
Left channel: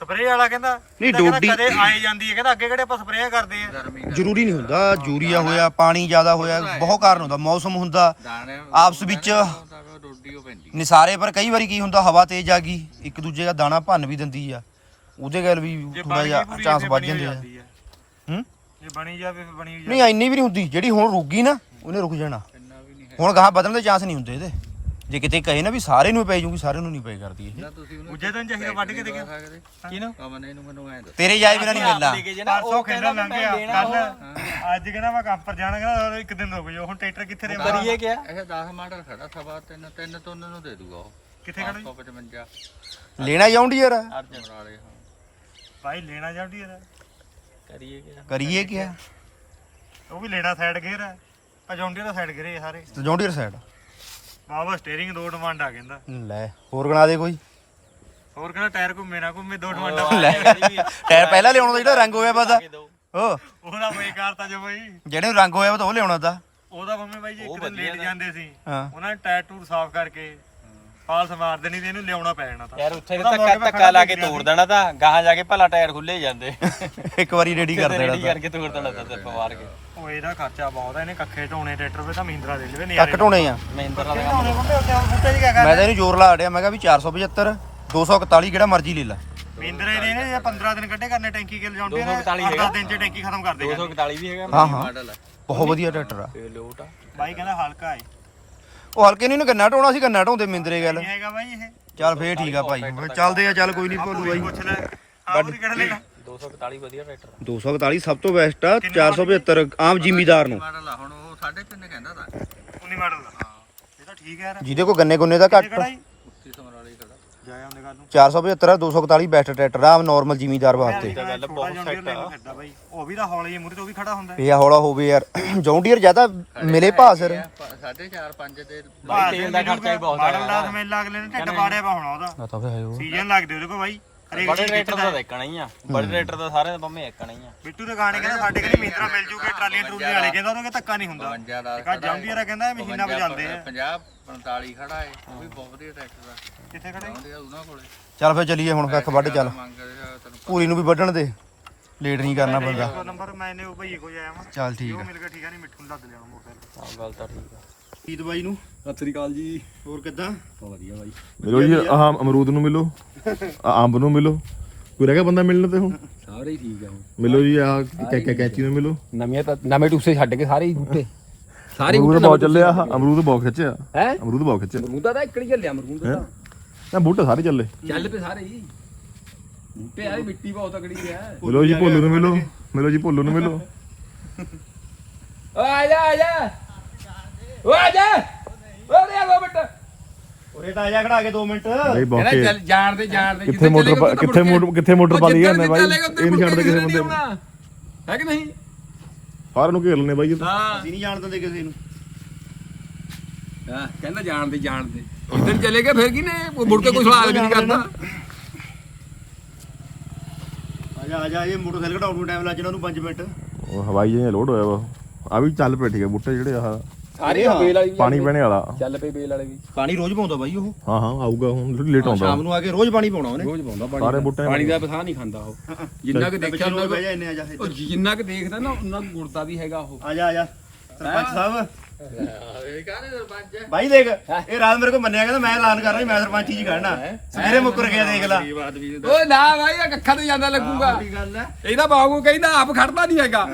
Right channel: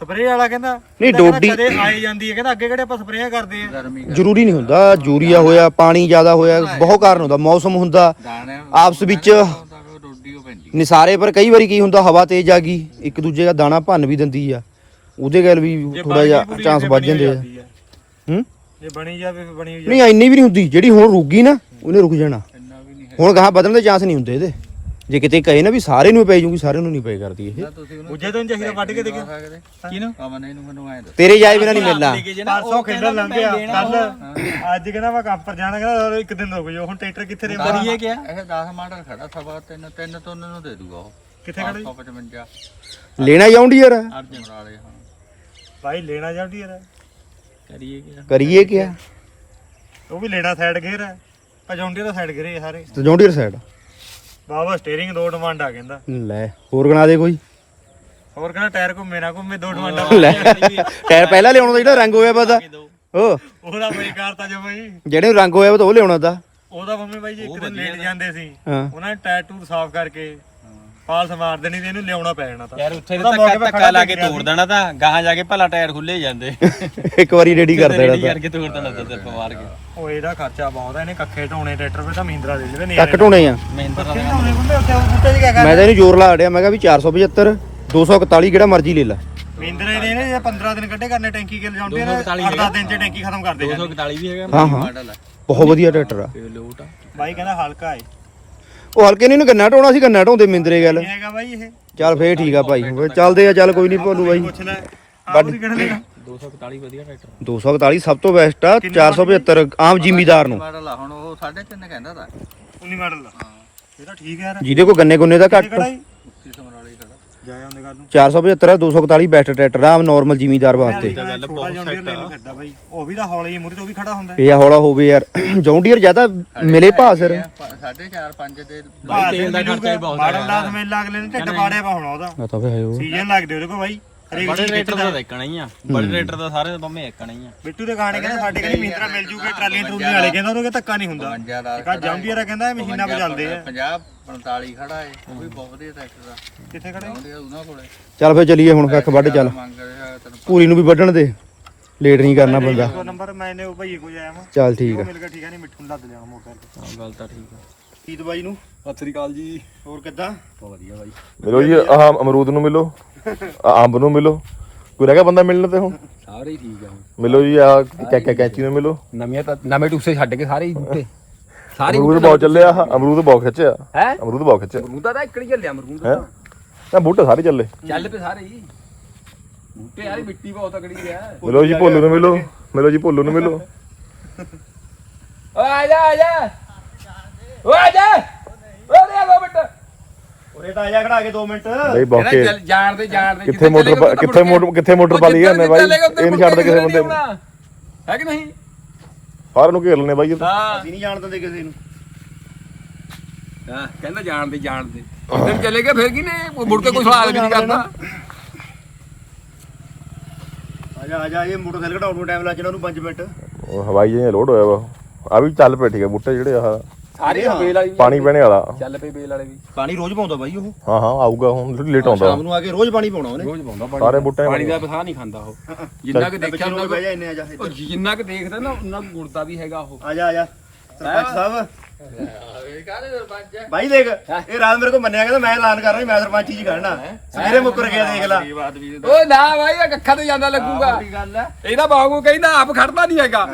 [SPEAKER 2] ਸਪਰੇਅ ਵਾਲਾ ਕਹਿੰਦਾ।
[SPEAKER 1] ਨਹੀਂ, ਡਿਊਟੀ-
[SPEAKER 2] ਕਦੇ ਆਏ ਜਾਂਦੀ ਹੈ ਕਹਿੰਦਾ ਅੱਗੇ ਕਿਹੜੇ ਆਪਾਂ ਸਪਰੇਅ ਕਰਦੇ ਆ?
[SPEAKER 1] ਜ਼ਰੂਰੀ ਨਹੀਂ ਹੁੰਦਾ ਯੂਰੀਆ ਹੋਇਆ ਪਾਣੀ ਜ਼ਿਆਦਾ ਹੋਇਆ ਬਹੁਤ ਕਾਰਨ ਹੁੰਦਾ ਮੌਸਮ ਹੁੰਦਾ ਆਪਸ ਵਿੱਚ ਨਿਸਾਰੇ ਪਰ ਕਈ ਵਾਰੀ ਕੀ ਹੁੰਦਾ ਹਵਾ ਤੇਜ਼ ਆ ਗਈ ਇੱਕ ਦੂਜੇ ਦਾ ਦਾਣਾ ਭੰਨ ਵੀ ਦਿੰਦੀ ਆ ਉਹਦੇ ਗੱਲ ਵੀ ਥੋੜਾ ਜਿਹਾ ਚਾਂਸ ਵੱਧ ਜਾਂਦੇ ਆ। ਹੂੰ?
[SPEAKER 2] ਜੇ ਬਣੀ ਜਾਵੇ ਫਿਰ ਬਣੀ ਹੋਈ
[SPEAKER 1] ਨਹੀਂ ਇੰਨੀ ਵੀ ਨਹੀਂ ਹੁੰਦੀ ਜਿਹੜੀ ਹੁਣ ਰੁਕ ਗਈ ਨਾ ਉਹਨੇ ਰੁਕ ਜਾਣਾ। ਹੁਣ ਗਾਹਾਂ ਵਧਣ ਦੇ ਚਾਂਸ ਨਹੀਂ ਹੁੰਦੇ ਇਹਦੇ। ਜੇ ਕਿਤੇ ਕਹੇ ਨਾ ਵੀ ਸਾਰੇ ਨੂੰ ਪੈ ਜੂਗੀ ਸਾਰਿਆਂ ਨੂੰ ਨਹੀਂ ਪਏ ਕਰਦੀ ਇਹ।
[SPEAKER 2] ਉੱਜੇ ਤੋਂ ਚਾਹੀਦਾ ਵੱਢ ਕੇ ਦੇ।
[SPEAKER 4] ਸਕਦੇ
[SPEAKER 2] ਕਿਹਨੂੰ
[SPEAKER 4] ਅਮਨ ਇਹਨੂੰ ਮੈਨੂੰ ਐਂ
[SPEAKER 1] ਤੇਰੇ ਜਾਏ ਬਿਨਾ ਨਹੀਂ ਮਿਲਣਾ।
[SPEAKER 2] ਪਰਸੋਂ ਖੇਡਣ ਲੰਘ ਗਿਆ ਕੱਲ ਅੱਜ ਕਹਿੰਦਾ ਮੈਂ ਕੰਮ ਪਰ ਜਾਣਾ ਕਹਿੰਦਾ ਇੱਕ ਦਿਨ ਰੁਕ ਜਾਓ। ਹੁਣ ਟਰੈਕਟਰ ਕਿੱਥੇ ਰੇ ਕਰੀਏ ਕਿਆ?
[SPEAKER 4] ਇਹ 10 ਮਾਡਲ ਖੜਾ ਸਵਾ ਤਿੰਨ ਤਿੰਨ ਤੋਂ ਉਹਨਾਂ ਨੂੰ ਦੇ ਦੂਗਾ ਉਹ।
[SPEAKER 2] ਕਿੱਥੇ ਖੜਾ ਜੀ?
[SPEAKER 4] 555
[SPEAKER 1] ਲੈਣਾ ਜਾਉਂਦੀ ਯਾਰ।
[SPEAKER 4] ਅਰਜਨ ਵਾਲੇ ਹਾਂ।
[SPEAKER 2] ਭਾਈ ਲੈਣਾ ਜਾਂਦੀ ਯਾਰ।
[SPEAKER 5] ਕਰੀਏ ਕਿਆ?
[SPEAKER 1] ਕਰੀਏ ਕਿਆ?
[SPEAKER 2] ਉਹ ਵੀ ਲੈਣਾ ਸਾਈਡ ਗੇਅਰ ਹੈ ਪਜੌਂਡੀ ਦਾ ਸਾਈਡ ਗੇਅਰ ਇਹ ਸਾਰੇ।
[SPEAKER 1] ਤੇ ਜੌਂਡੀਅਰ ਸਾਈਡ
[SPEAKER 2] ਬਾਬਾ ਸਟੀਅਰਿੰਗ ਦੋ ਡਿਮਾਂਡ ਆ ਕਹਿੰਦਾ।
[SPEAKER 1] ਲੈ ਹੋਰ ਗਣਾ ਦੇ ਕੋਈ?
[SPEAKER 2] ਹੋਰ ਕਹਿੰਦਾ ਟਾਇਰ ਘੁੰਮੇ ਨਾ ਘੁੰਮੇ ਦੋ ਡਿਮਾਂਡਾਂ
[SPEAKER 1] ਲੈ ਟਾਇਰ ਪਹਿਲਾਂ ਲਿਆਉਣਾ ਤਾਂ ਜਿਹੜਾ ਰੰਗ ਹੋਇਆ ਪਤਾ ਉਹ
[SPEAKER 2] ਉਹਦਾ ਬਈ ਕਰਤਾ ਜੋ ਬਈ।
[SPEAKER 1] ਜਿਹੜੇ ਰੰਗ ਹੋਇਆ ਵਾ ਤਾਂ ਉਹ ਲਿਆਉਣਾ ਤਾਂ।
[SPEAKER 2] ਉਹਦਾ ਮੰਮੀ ਬਾਈ ਜੀ ਇੱਕ ਦਿਨ ਲੇਟ ਜਾਂਦੇ ਸੀ।
[SPEAKER 1] ਹਾਂ।
[SPEAKER 2] ਉਹਨਾਂ ਨੇ ਟਾਇਰ ਟੂਰ ਸਾਫ਼ ਕਰਕੇ ਪਾਲਸ ਮਾਰ ਦੇਣੀ ਤੇ ਇਹਨੂੰ ਲਿਆਉਣਾ ਪੈ ਜਾਣਾ ਤਾਂ।
[SPEAKER 5] ਯਾਰ ਉੱਥੇ ਤਾਂ
[SPEAKER 2] ਮੌਕੇ
[SPEAKER 5] ਧੱਕਾ
[SPEAKER 2] ਤੇ
[SPEAKER 5] ਧੱਕਾ ਲਾ ਕੇ ਤੋੜ ਦੇਣਾ ਤਾਂ ਗਾਹਾਂ ਜਾ ਕੇ ਭਲਾ ਟਾਇਰ ਖੁੱਲੇ ਜਾਂਦੇ। *laughs*
[SPEAKER 1] ਇੱਕ ਵਾਰੀ ਰੈਡੀ ਕਰ ਦੇਣਾ
[SPEAKER 5] ਰੈਡੀ
[SPEAKER 1] ਤਾਂ।
[SPEAKER 5] ਕਰਕੇ ਤੋੜ ਦੇਣਾ ਤਾਂ ਪਵਾਰ ਕੇ।
[SPEAKER 2] ਉਹ ਇਹਦਾ ਖਰਚਾ ਬਹੁਤ ਹੈ ਇਹਨੇ ਕੱਖੇ ਢੋਣੇ ਟਰੈਕਟਰ 'ਤੇ ਤਾਂ ਮਹਿੰਦਰਾ ਦੇ ਦੇਵੇ
[SPEAKER 1] ਟੱਕ ਢੋਣੇ ਆ।
[SPEAKER 5] ਮਹਿੰਦਰ ਦਾ
[SPEAKER 2] ਢੋਣੇ ਬੰਦੇ ਉੱਥੇ ਉਹ ਬੂਟੇ ਜੀ ਕਿਆ
[SPEAKER 1] ਮੈਂ ਤਾਂ ਇਹਨੂੰ ਜ਼ੋਰ ਲਾ ਅੜਿਆ ਮੈਂ ਕਿਹਾ ਵੀ 475 241 ਕਿਹੜਾ ਮਰਜ਼ੀ ਲੈ ਲੈ।
[SPEAKER 2] ਮਹਿੰਦਰਾ ਦੇ ਨੇ ਜੇ 15 ਦਿਨ ਕੱਢੇ ਕਰਨੇ ਟੈਂਕੀ ਕੇ ਲਿਜਾਉਂਦੇ ਨੇ 8-10 ਦਿਨ 'ਚ ਟੈਂਕੀ ਖਤਮ ਕਰ ਦੇਗਾ
[SPEAKER 5] 241 ਵੀ ਹੈਗਾ
[SPEAKER 1] ਹਾਂ ਹਾਂ। ਬਹੁਤ ਵਧੀਆ ਟਰੈਕਟਰ ਆ।
[SPEAKER 5] ਤੇ ਲੋਟ ਆ।
[SPEAKER 2] ਬਾਈ ਕਹਿੰਦਾ ਹਲਕਾ ਹੈ
[SPEAKER 1] ਉਹ ਹਲਕੇ ਨਹੀਂ ਨੂੰ ਗੰਨਾ ਢੋਣਾ ਸੀ ਗੰਨਾ ਢੋਂਦੇ ਮਿੰਦਰੇ ਗੱਲ।
[SPEAKER 2] ਇਹ ਹੈਗਾ ਬਾਈ ਇਹ।
[SPEAKER 1] ਚੱਲ ਫੇਰ ਠੀਕ ਆ ਭਾਈ ਫਿਰ ਚੱਲਦੇ ਆ ਚੱਲ ਕੋਈ ਨਹੀਂ ਭੋਲੂ ਬਾਈ।
[SPEAKER 2] ਪੁੱਛ ਲੈ ਆਪ ਉਹਦੀ ਕਿਹੜਾ ਲੈਣਾ।
[SPEAKER 5] 241 ਵਧੀਆ ਟਰੈਕਟਰ
[SPEAKER 1] 241 ਸਭ ਤੋਂ ਬੈਸਟ ਆ 475 ਆਮ ਜ਼ਿਮੀਦਾਰ ਨੂੰ।
[SPEAKER 4] ਮਾਡਲ ਆ? ਹੁਣ ਉਹ 3.5 ਕਹਿੰਦਾ ਤਾਂ।
[SPEAKER 2] 19 ਮਾਡਲ ਦਾ ਇਹ ਤਾਂ ਠੀਕ ਹੈ ਯਾਰ।
[SPEAKER 1] ਜਿਹਦੇ ਕੋ ਗੰਨੇ ਗੁੰਨੇ ਦਾ ਘੱਟ
[SPEAKER 2] ਕਿਹੜਾ ਹੀ
[SPEAKER 4] 31 ਸਮਰਾਲੀ ਖੜਾ
[SPEAKER 2] ਜਾਇਆ ਉਹਦੇ ਗੱਲ ਨੂੰ।
[SPEAKER 1] 475 ਆ 241 ਬੈਸਟ ਟਰੈਕਟਰ ਆ ਨਾਰਮਲ ਜ਼ਿਮੀਦਾਰ ਵਾਸਤੇ।
[SPEAKER 2] ਛੋਟਾ ਜੌਂਡੀਅਰ ਲੈ ਲਓ ਫਿਰਦਾ ਬਾਈ। ਉਹ ਵੀ ਤਾਂ ਹੌਲੀ ਮੂਰੇ ਤੋਂ ਉਹ ਵੀ ਖੜਾ ਹੁੰਦਾ
[SPEAKER 1] ਇਹ ਹੌਲਾ ਹੋਵੇ ਯਾਰ। ਜੌਂਡੀਅਰ ਜ਼ਿਆਦਾ ਮਿਲੇ ਭਾਅ ਸਿਰ।
[SPEAKER 4] 4.5 5 ਦੇ
[SPEAKER 2] ਮਾਡਲ ਦਾ ਸਮੇਲ ਅਗਲੇ ਨੇ ਢਿੱਡ ਪਾੜਿਆ ਪਾ ਹੋਣਾ ਉਹਦਾ।
[SPEAKER 1] ਆ ਤਾਂ ਫੇ ਉਹ
[SPEAKER 2] ਸੀਜ਼ਨ ਲੱਗਦੇ ਉਹਦੇ ਕੋਲ ਬਾਈ।
[SPEAKER 5] ਬੜੇ ਦਾ ਦੇਖਣਾ ਹੀ। ਆ। ਬੜੇ ਦਾ ਸਾਰਿਆਂ ਦੇ ਪੰਮੇ ਇੱਕਣਾ ਹੀ ਆ।
[SPEAKER 2] ਬਿੱਟੂ ਦੇ ਗਾਣੇ ਕਹਿੰਦਾ ਸਾਡੇ ਕਹਿੰਦੇ ਮਹਿੰਦਰਾ ਮਿਲ ਜੂਗੇ ਟਰਾਲੀਆਂ ਟਰੂਲੀਆਂ ਵਾਲੇ ਕਹਿੰਦਾ ਉਹਨੂੰ ਧੱਕਾ ਨਹੀਂ ਹੁੰਦਾ।
[SPEAKER 4] 52 ਦਾ
[SPEAKER 2] ਇੱਕ ਜੌਂਡੀਅਰ ਕਹਿੰਦਾ ਇਹ ਮਸ਼ੀਨਾਂ ਵਜਾਉਂਦੇ ਆ।
[SPEAKER 4] 50 45 ਖੜਾ ਹੈ ਉਹ ਵੀ ਬਹੁਤ ਵਧੀਆ ਟਰੈਕਟਰ ਦਾ
[SPEAKER 2] ਕਿੱਥੇ ਖੜੇ?
[SPEAKER 4] ਆ ਉਹਨਾਂ ਕੋਲੇ।
[SPEAKER 1] ਚੱਲ ਫੇ ਚੱਲੀਏ ਹੁਣ ਕੱਖ ਵੱਢ ਚੱਲ। ਪੂਰੀ ਨੂੰ ਵੀ ਵੱਢਣ ਦੇ। ਲੇਟ ਨਹੀਂ ਕਰਨਾ ਬੰਦਾ।
[SPEAKER 2] ਨੰਬਰ ਮੈਨੇ ਉਹ ਭਾਈ ਕੋਲ ਆਇਆ ਮੈਂ
[SPEAKER 1] ਚੱਲ ਠੀਕ
[SPEAKER 2] ਉਹ
[SPEAKER 1] ਆ।
[SPEAKER 2] ਮਿਲ ਗਿਆ ਠੀਕ ਆ ਨਹੀਂ ਮਿੱਠੂ ਨੂੰ ਲੱਦ ਲਿਆ ਮੋਟਰਸਾਈਕਲ
[SPEAKER 5] ਹਾਂ ਗੱਲ ਤਾਂ ਠੀਕ ਆ।
[SPEAKER 2] ਜੀਤ ਬਾਈ ਨੂੰ।
[SPEAKER 5] ਸਤਿ ਸ੍ਰੀ ਅਕਾਲ ਜੀ।
[SPEAKER 2] ਹੋਰ ਕਿੱਦਾਂ?
[SPEAKER 5] ਵਧੀਆ ਬਾਈ।
[SPEAKER 6] ਮਿਲੋ ਜੀ ਆਹ ਅਮਰੂਦ ਨੂੰ ਮਿਲੋ। ਆਹ ਅੰਬ ਨੂੰ ਮਿਲੋ। ਕੋਈ ਰਹਿ ਗਿਆ ਬੰਦਾ ਮਿਲਣ ਤੇ ਹੁਣ?
[SPEAKER 5] ਸਾਰੇ ਹੀ ਠੀਕ ਆ
[SPEAKER 6] ਮਿਲੋ ਜੀ ਆ ਕੈਕਾ ਕੈਂਚੀ ਨੂੰ ਮਿਲੋ।
[SPEAKER 5] ਨਵੀਆਂ ਤਾਂ ਨਵੇਂ ਟੂਸੇ ਛੱਡ ਕੇ ਸਾਰੇ ਹੀ ਉੱਤੇ। ਸਾਰੇ
[SPEAKER 6] ਅਮਰੂਦ ਬਹੁਤ ਚੱਲਿਆ ਆਹ ਅਮਰੂਦ ਬਹੁਤ ਖਿੱਚਿਆ।
[SPEAKER 5] ਹੈ?
[SPEAKER 6] ਅਮਰੂਦ ਬਹੁਤ ਖਿੱਚਿਆ।
[SPEAKER 5] ਮਰੂਦਾ ਤਾਂ ਇਕੜੀ ਚੱਲਿਆ ਮਰੂਦ
[SPEAKER 6] ਹੈ? ਤਾਂ ਬੂਟੇ ਸਾਰੇ ਚੱਲੇ।
[SPEAKER 5] ਚੱਲ ਪਏ ਸਾਰੇ ਹੀ। ਬੂਟੇ ਯਾਰ ਮਿੱਟੀ ਬਹੁਤ ਤਕੜੀ ਰਿਹਾ
[SPEAKER 6] ਮਿਲੋ ਜੀ ਭੋਲੂ ਨੂੰ ਮਿਲੋ। ਮਿਲੋ ਜੀ ਭੋਲੂ ਨੂੰ ਮਿਲੋ।
[SPEAKER 5] ਓ ਆ ਜਾ ਆ ਜਾ। ਓ ਆ ਜਾ। ਓ ਰੇ ਆ ਬੇਟਾ
[SPEAKER 2] ਉਰੇ ਤਾਂ ਆ ਜਾ ਖੜਾ ਕੇ 2 ਮਿੰਟ।
[SPEAKER 6] ਬਈ ਬੌਕੇ
[SPEAKER 5] ਜਾਣ ਦੇ ਜਾਣ ਦੇ
[SPEAKER 6] ਕਿੱਥੇ ਮੋਟਰ ਪਾ- ਕਿੱਥੇ ਮੋਟਰ ਕਿੱਥੇ ਮੋਟਰ ਪਾ ਲਈ ਇਹਨੇ ਬਾਈ? ਇਹ ਨਹੀਂ ਛੱਡਦੇ ਕਿਸੇ ਬੰਦੇ ਨੂੰ
[SPEAKER 5] ਹੈ ਕਿ ਨਹੀਂ?
[SPEAKER 6] ਸਾਰਿਆਂ ਨੂੰ ਘੇਰ ਲੈਣੇ ਬਾਈ ਇਹ ਤਾਂ।
[SPEAKER 5] ਹਾਂ।
[SPEAKER 2] ਅਸੀਂ ਨਹੀਂ ਜਾਣ ਦਿੰਦੇ ਕਿਸੇ ਨੂੰ।
[SPEAKER 5] ਹਾਂ ਕਹਿੰਦਾ ਜਾਣ ਦੇ ਜਾਣ ਦੇ। ਜਿੱਦਣ ਚਲੇ ਗਏ ਫਿਰ ਕੀ ਨੇ ਮੁੜ ਕੇ ਕੋਈ ਸਵਾਲ ਵੀ ਨਹੀਂ ਕਰਦਾ।
[SPEAKER 2] ਆ ਜਾ ਆ ਜਾ ਇਹ ਮੋਟਰਸਾਈਕਲ ਘਟਾਉਣ ਨੂੰ ਟਾਈਮ ਲੱਗ ਜਾਣਾ ਉਹਨੂੰ 5 ਮਿੰਟ।
[SPEAKER 6] ਉਹ ਹਵਾਈ ਜਿਹੇ ਲੋਡ ਹੋਇਆ ਵਾ। ਆ ਵੀ ਚੱਲ ਪਏ ਠੀਕ ਹੈ ਬੂਟੇ ਜਿਹੜੇ ਆਹ।
[SPEAKER 5] ਸਾਰੇ ਬੇਲ ਵਾਲੀ ਵੀ
[SPEAKER 6] ਪਾਣੀ ਪੈਣੇ ਵਾਲਾ।
[SPEAKER 5] ਚੱਲ ਪਈ ਬੇਲ ਵਾਲੇ ਵੀ।
[SPEAKER 2] ਪਾਣੀ ਰੋਜ਼ ਪਾਉਂਦਾ ਬਾਈ ਉਹ।
[SPEAKER 6] ਹਾਂ ਹਾਂ ਆਊਗਾ ਹੁਣ ਲੇਟ ਆਉਂਦਾ।
[SPEAKER 2] ਸ਼ਾਮ ਨੂੰ ਆ ਕੇ ਰੋਜ਼ ਪਾਣੀ ਪਾਉਣਾ ਉਹਨੇ।
[SPEAKER 5] ਰੋਜ਼ ਪਾਉਂਦਾ
[SPEAKER 6] ਸਾਰੇ ਬੂਟੇ
[SPEAKER 5] ਪਾਣੀ ਦਾ ਪਸਾ ਨਹੀਂ ਖਾਂਦਾ ਉਹ। ਜਿੰਨਾ ਕਿ ਦੇਖਿਆ ਉਹਨਾਂ
[SPEAKER 2] ਬਹਿ ਜਾ ਇੰਨੇ ਆ ਜਾ
[SPEAKER 5] ਉਹ ਜਿੰਨਾ ਕਿ ਦੇਖਦਾ ਨਾ ਉਹਨਾਂ ਨੂੰ ਗੁਰਦਾ ਵੀ ਹੈਗਾ ਉਹ।
[SPEAKER 2] ਆ ਜਾ ਆ ਜਾ। ਸਰਪੰਚ ਸਾਹਿਬ। ਬਾਈ ਦੇਖ ਇਹ ਰਾਤ ਮੇਰੇ ਕੋਲ ਮੰਨਿਆ ਕਹਿੰਦਾ ਮੈਂ ਐਲਾਨ ਕਰਨਾ ਮੈਂ ਸਰਪੰਚੀ ਜੀ ਖੜਨਾ। ਸਵੇਰੇ ਮੁੱਕਰ ਗਿਆ ਦੇਖ ਲੈ।
[SPEAKER 5] ਓਏ ਨਾ ਭਾਈ ਇਹ ਕੱਖਾਂ ਤੇ ਜਾਂਦਾ ਲੱਗੂਗਾ। ਇਹਦਾ ਬਾਗੂ ਕਹਿੰਦਾ ਆਪ ਖੜਦਾ ਨਹੀਂ ਹੈਗਾ।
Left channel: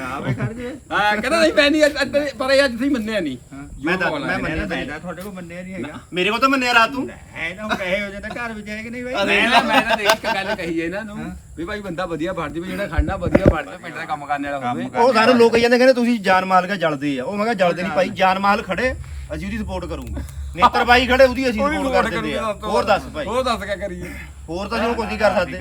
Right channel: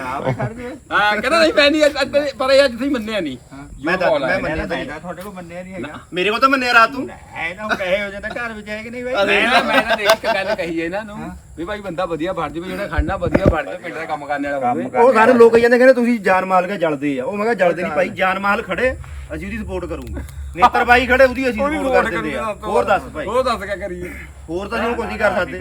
[SPEAKER 5] ਹਾਂ ਕਹਿੰਦਾ ਨਹੀਂ ਮੈਂ ਨਹੀਂ ਅੱਜ- ਪਰ ਇਹ ਅੱਜ ਤੁਸੀਂ ਮੰਨਿਆ ਨਹੀਂ।
[SPEAKER 2] ਮੈਂ ਤਾਂ ਮੈਂ ਮੰਨਿਆ ਤਾਂ
[SPEAKER 4] ਮੈਂ ਤੁਹਾਡੇ ਕੋਲ ਮੰਨਿਆ ਨਹੀਂ ਹੈਗਾ।
[SPEAKER 2] ਮੇਰੇ ਕੋਲ ਤਾਂ ਮੰਨਿਆ ਰਾਤ ਤੂੰ ਐ ਤਾਂ ਕਹੇ ਹੋ ਜਾਂਦਾ ਘਰ ਵਿੱਚ ਹੈ ਕਿ ਨਹੀਂ ਬਾਈ?
[SPEAKER 5] ਮੈਂ ਨਾ ਦੇਖ ਕੇ ਗੱਲ ਕਹੀ ਹੈ ਇਹਨਾਂ ਨੂੰ। ਵੀ ਭਾਈ ਬੰਦਾ ਵਧੀਆ ਫੜ ਜਾਵੇ ਜਿਹੜਾ ਖੜਨਾ ਵਧੀਆ ਫੜ ਕੇ ਪਿੰਡ ਦਾ ਕੰਮ ਕਰਨ ਵਾਲਾ ਹੋਵੇ।
[SPEAKER 2] ਉਹ ਸਾਰੇ ਲੋਕ ਕਹਿੰਦੇ ਕਹਿੰਦੇ ਤੁਸੀਂ ਜਾਨ ਮਾਲ ਕੇ ਜਲਦੇ ਆ। ਉਹ ਮੈਂ ਕਿਹਾ ਜਲਦੇ ਨਹੀਂ ਭਾਈ ਜਾਨ ਮਾਲ ਖੜੇ ਅਸੀਂ ਉਹਦੀ ਸਪੋਰਟ ਕਰੂਗੇ। ਨੇਤਰ ਬਾਈ ਖੜੇ ਉਹਦੀ ਅਸੀਂ ਸਪੋਰਟ ਕਰ ਦਿੰਦੇ ਆ। ਹੋਰ ਦੱਸ ਭਾਈ।
[SPEAKER 5] ਹੋਰ ਦੱਸ ਕੀ ਕਰੀਏ।
[SPEAKER 2] ਹੋਰ ਤਾਂ ਅਸੀਂ ਹੁਣ ਕੁਝ ਨਹੀਂ ਕਰ ਸਕਦੇ।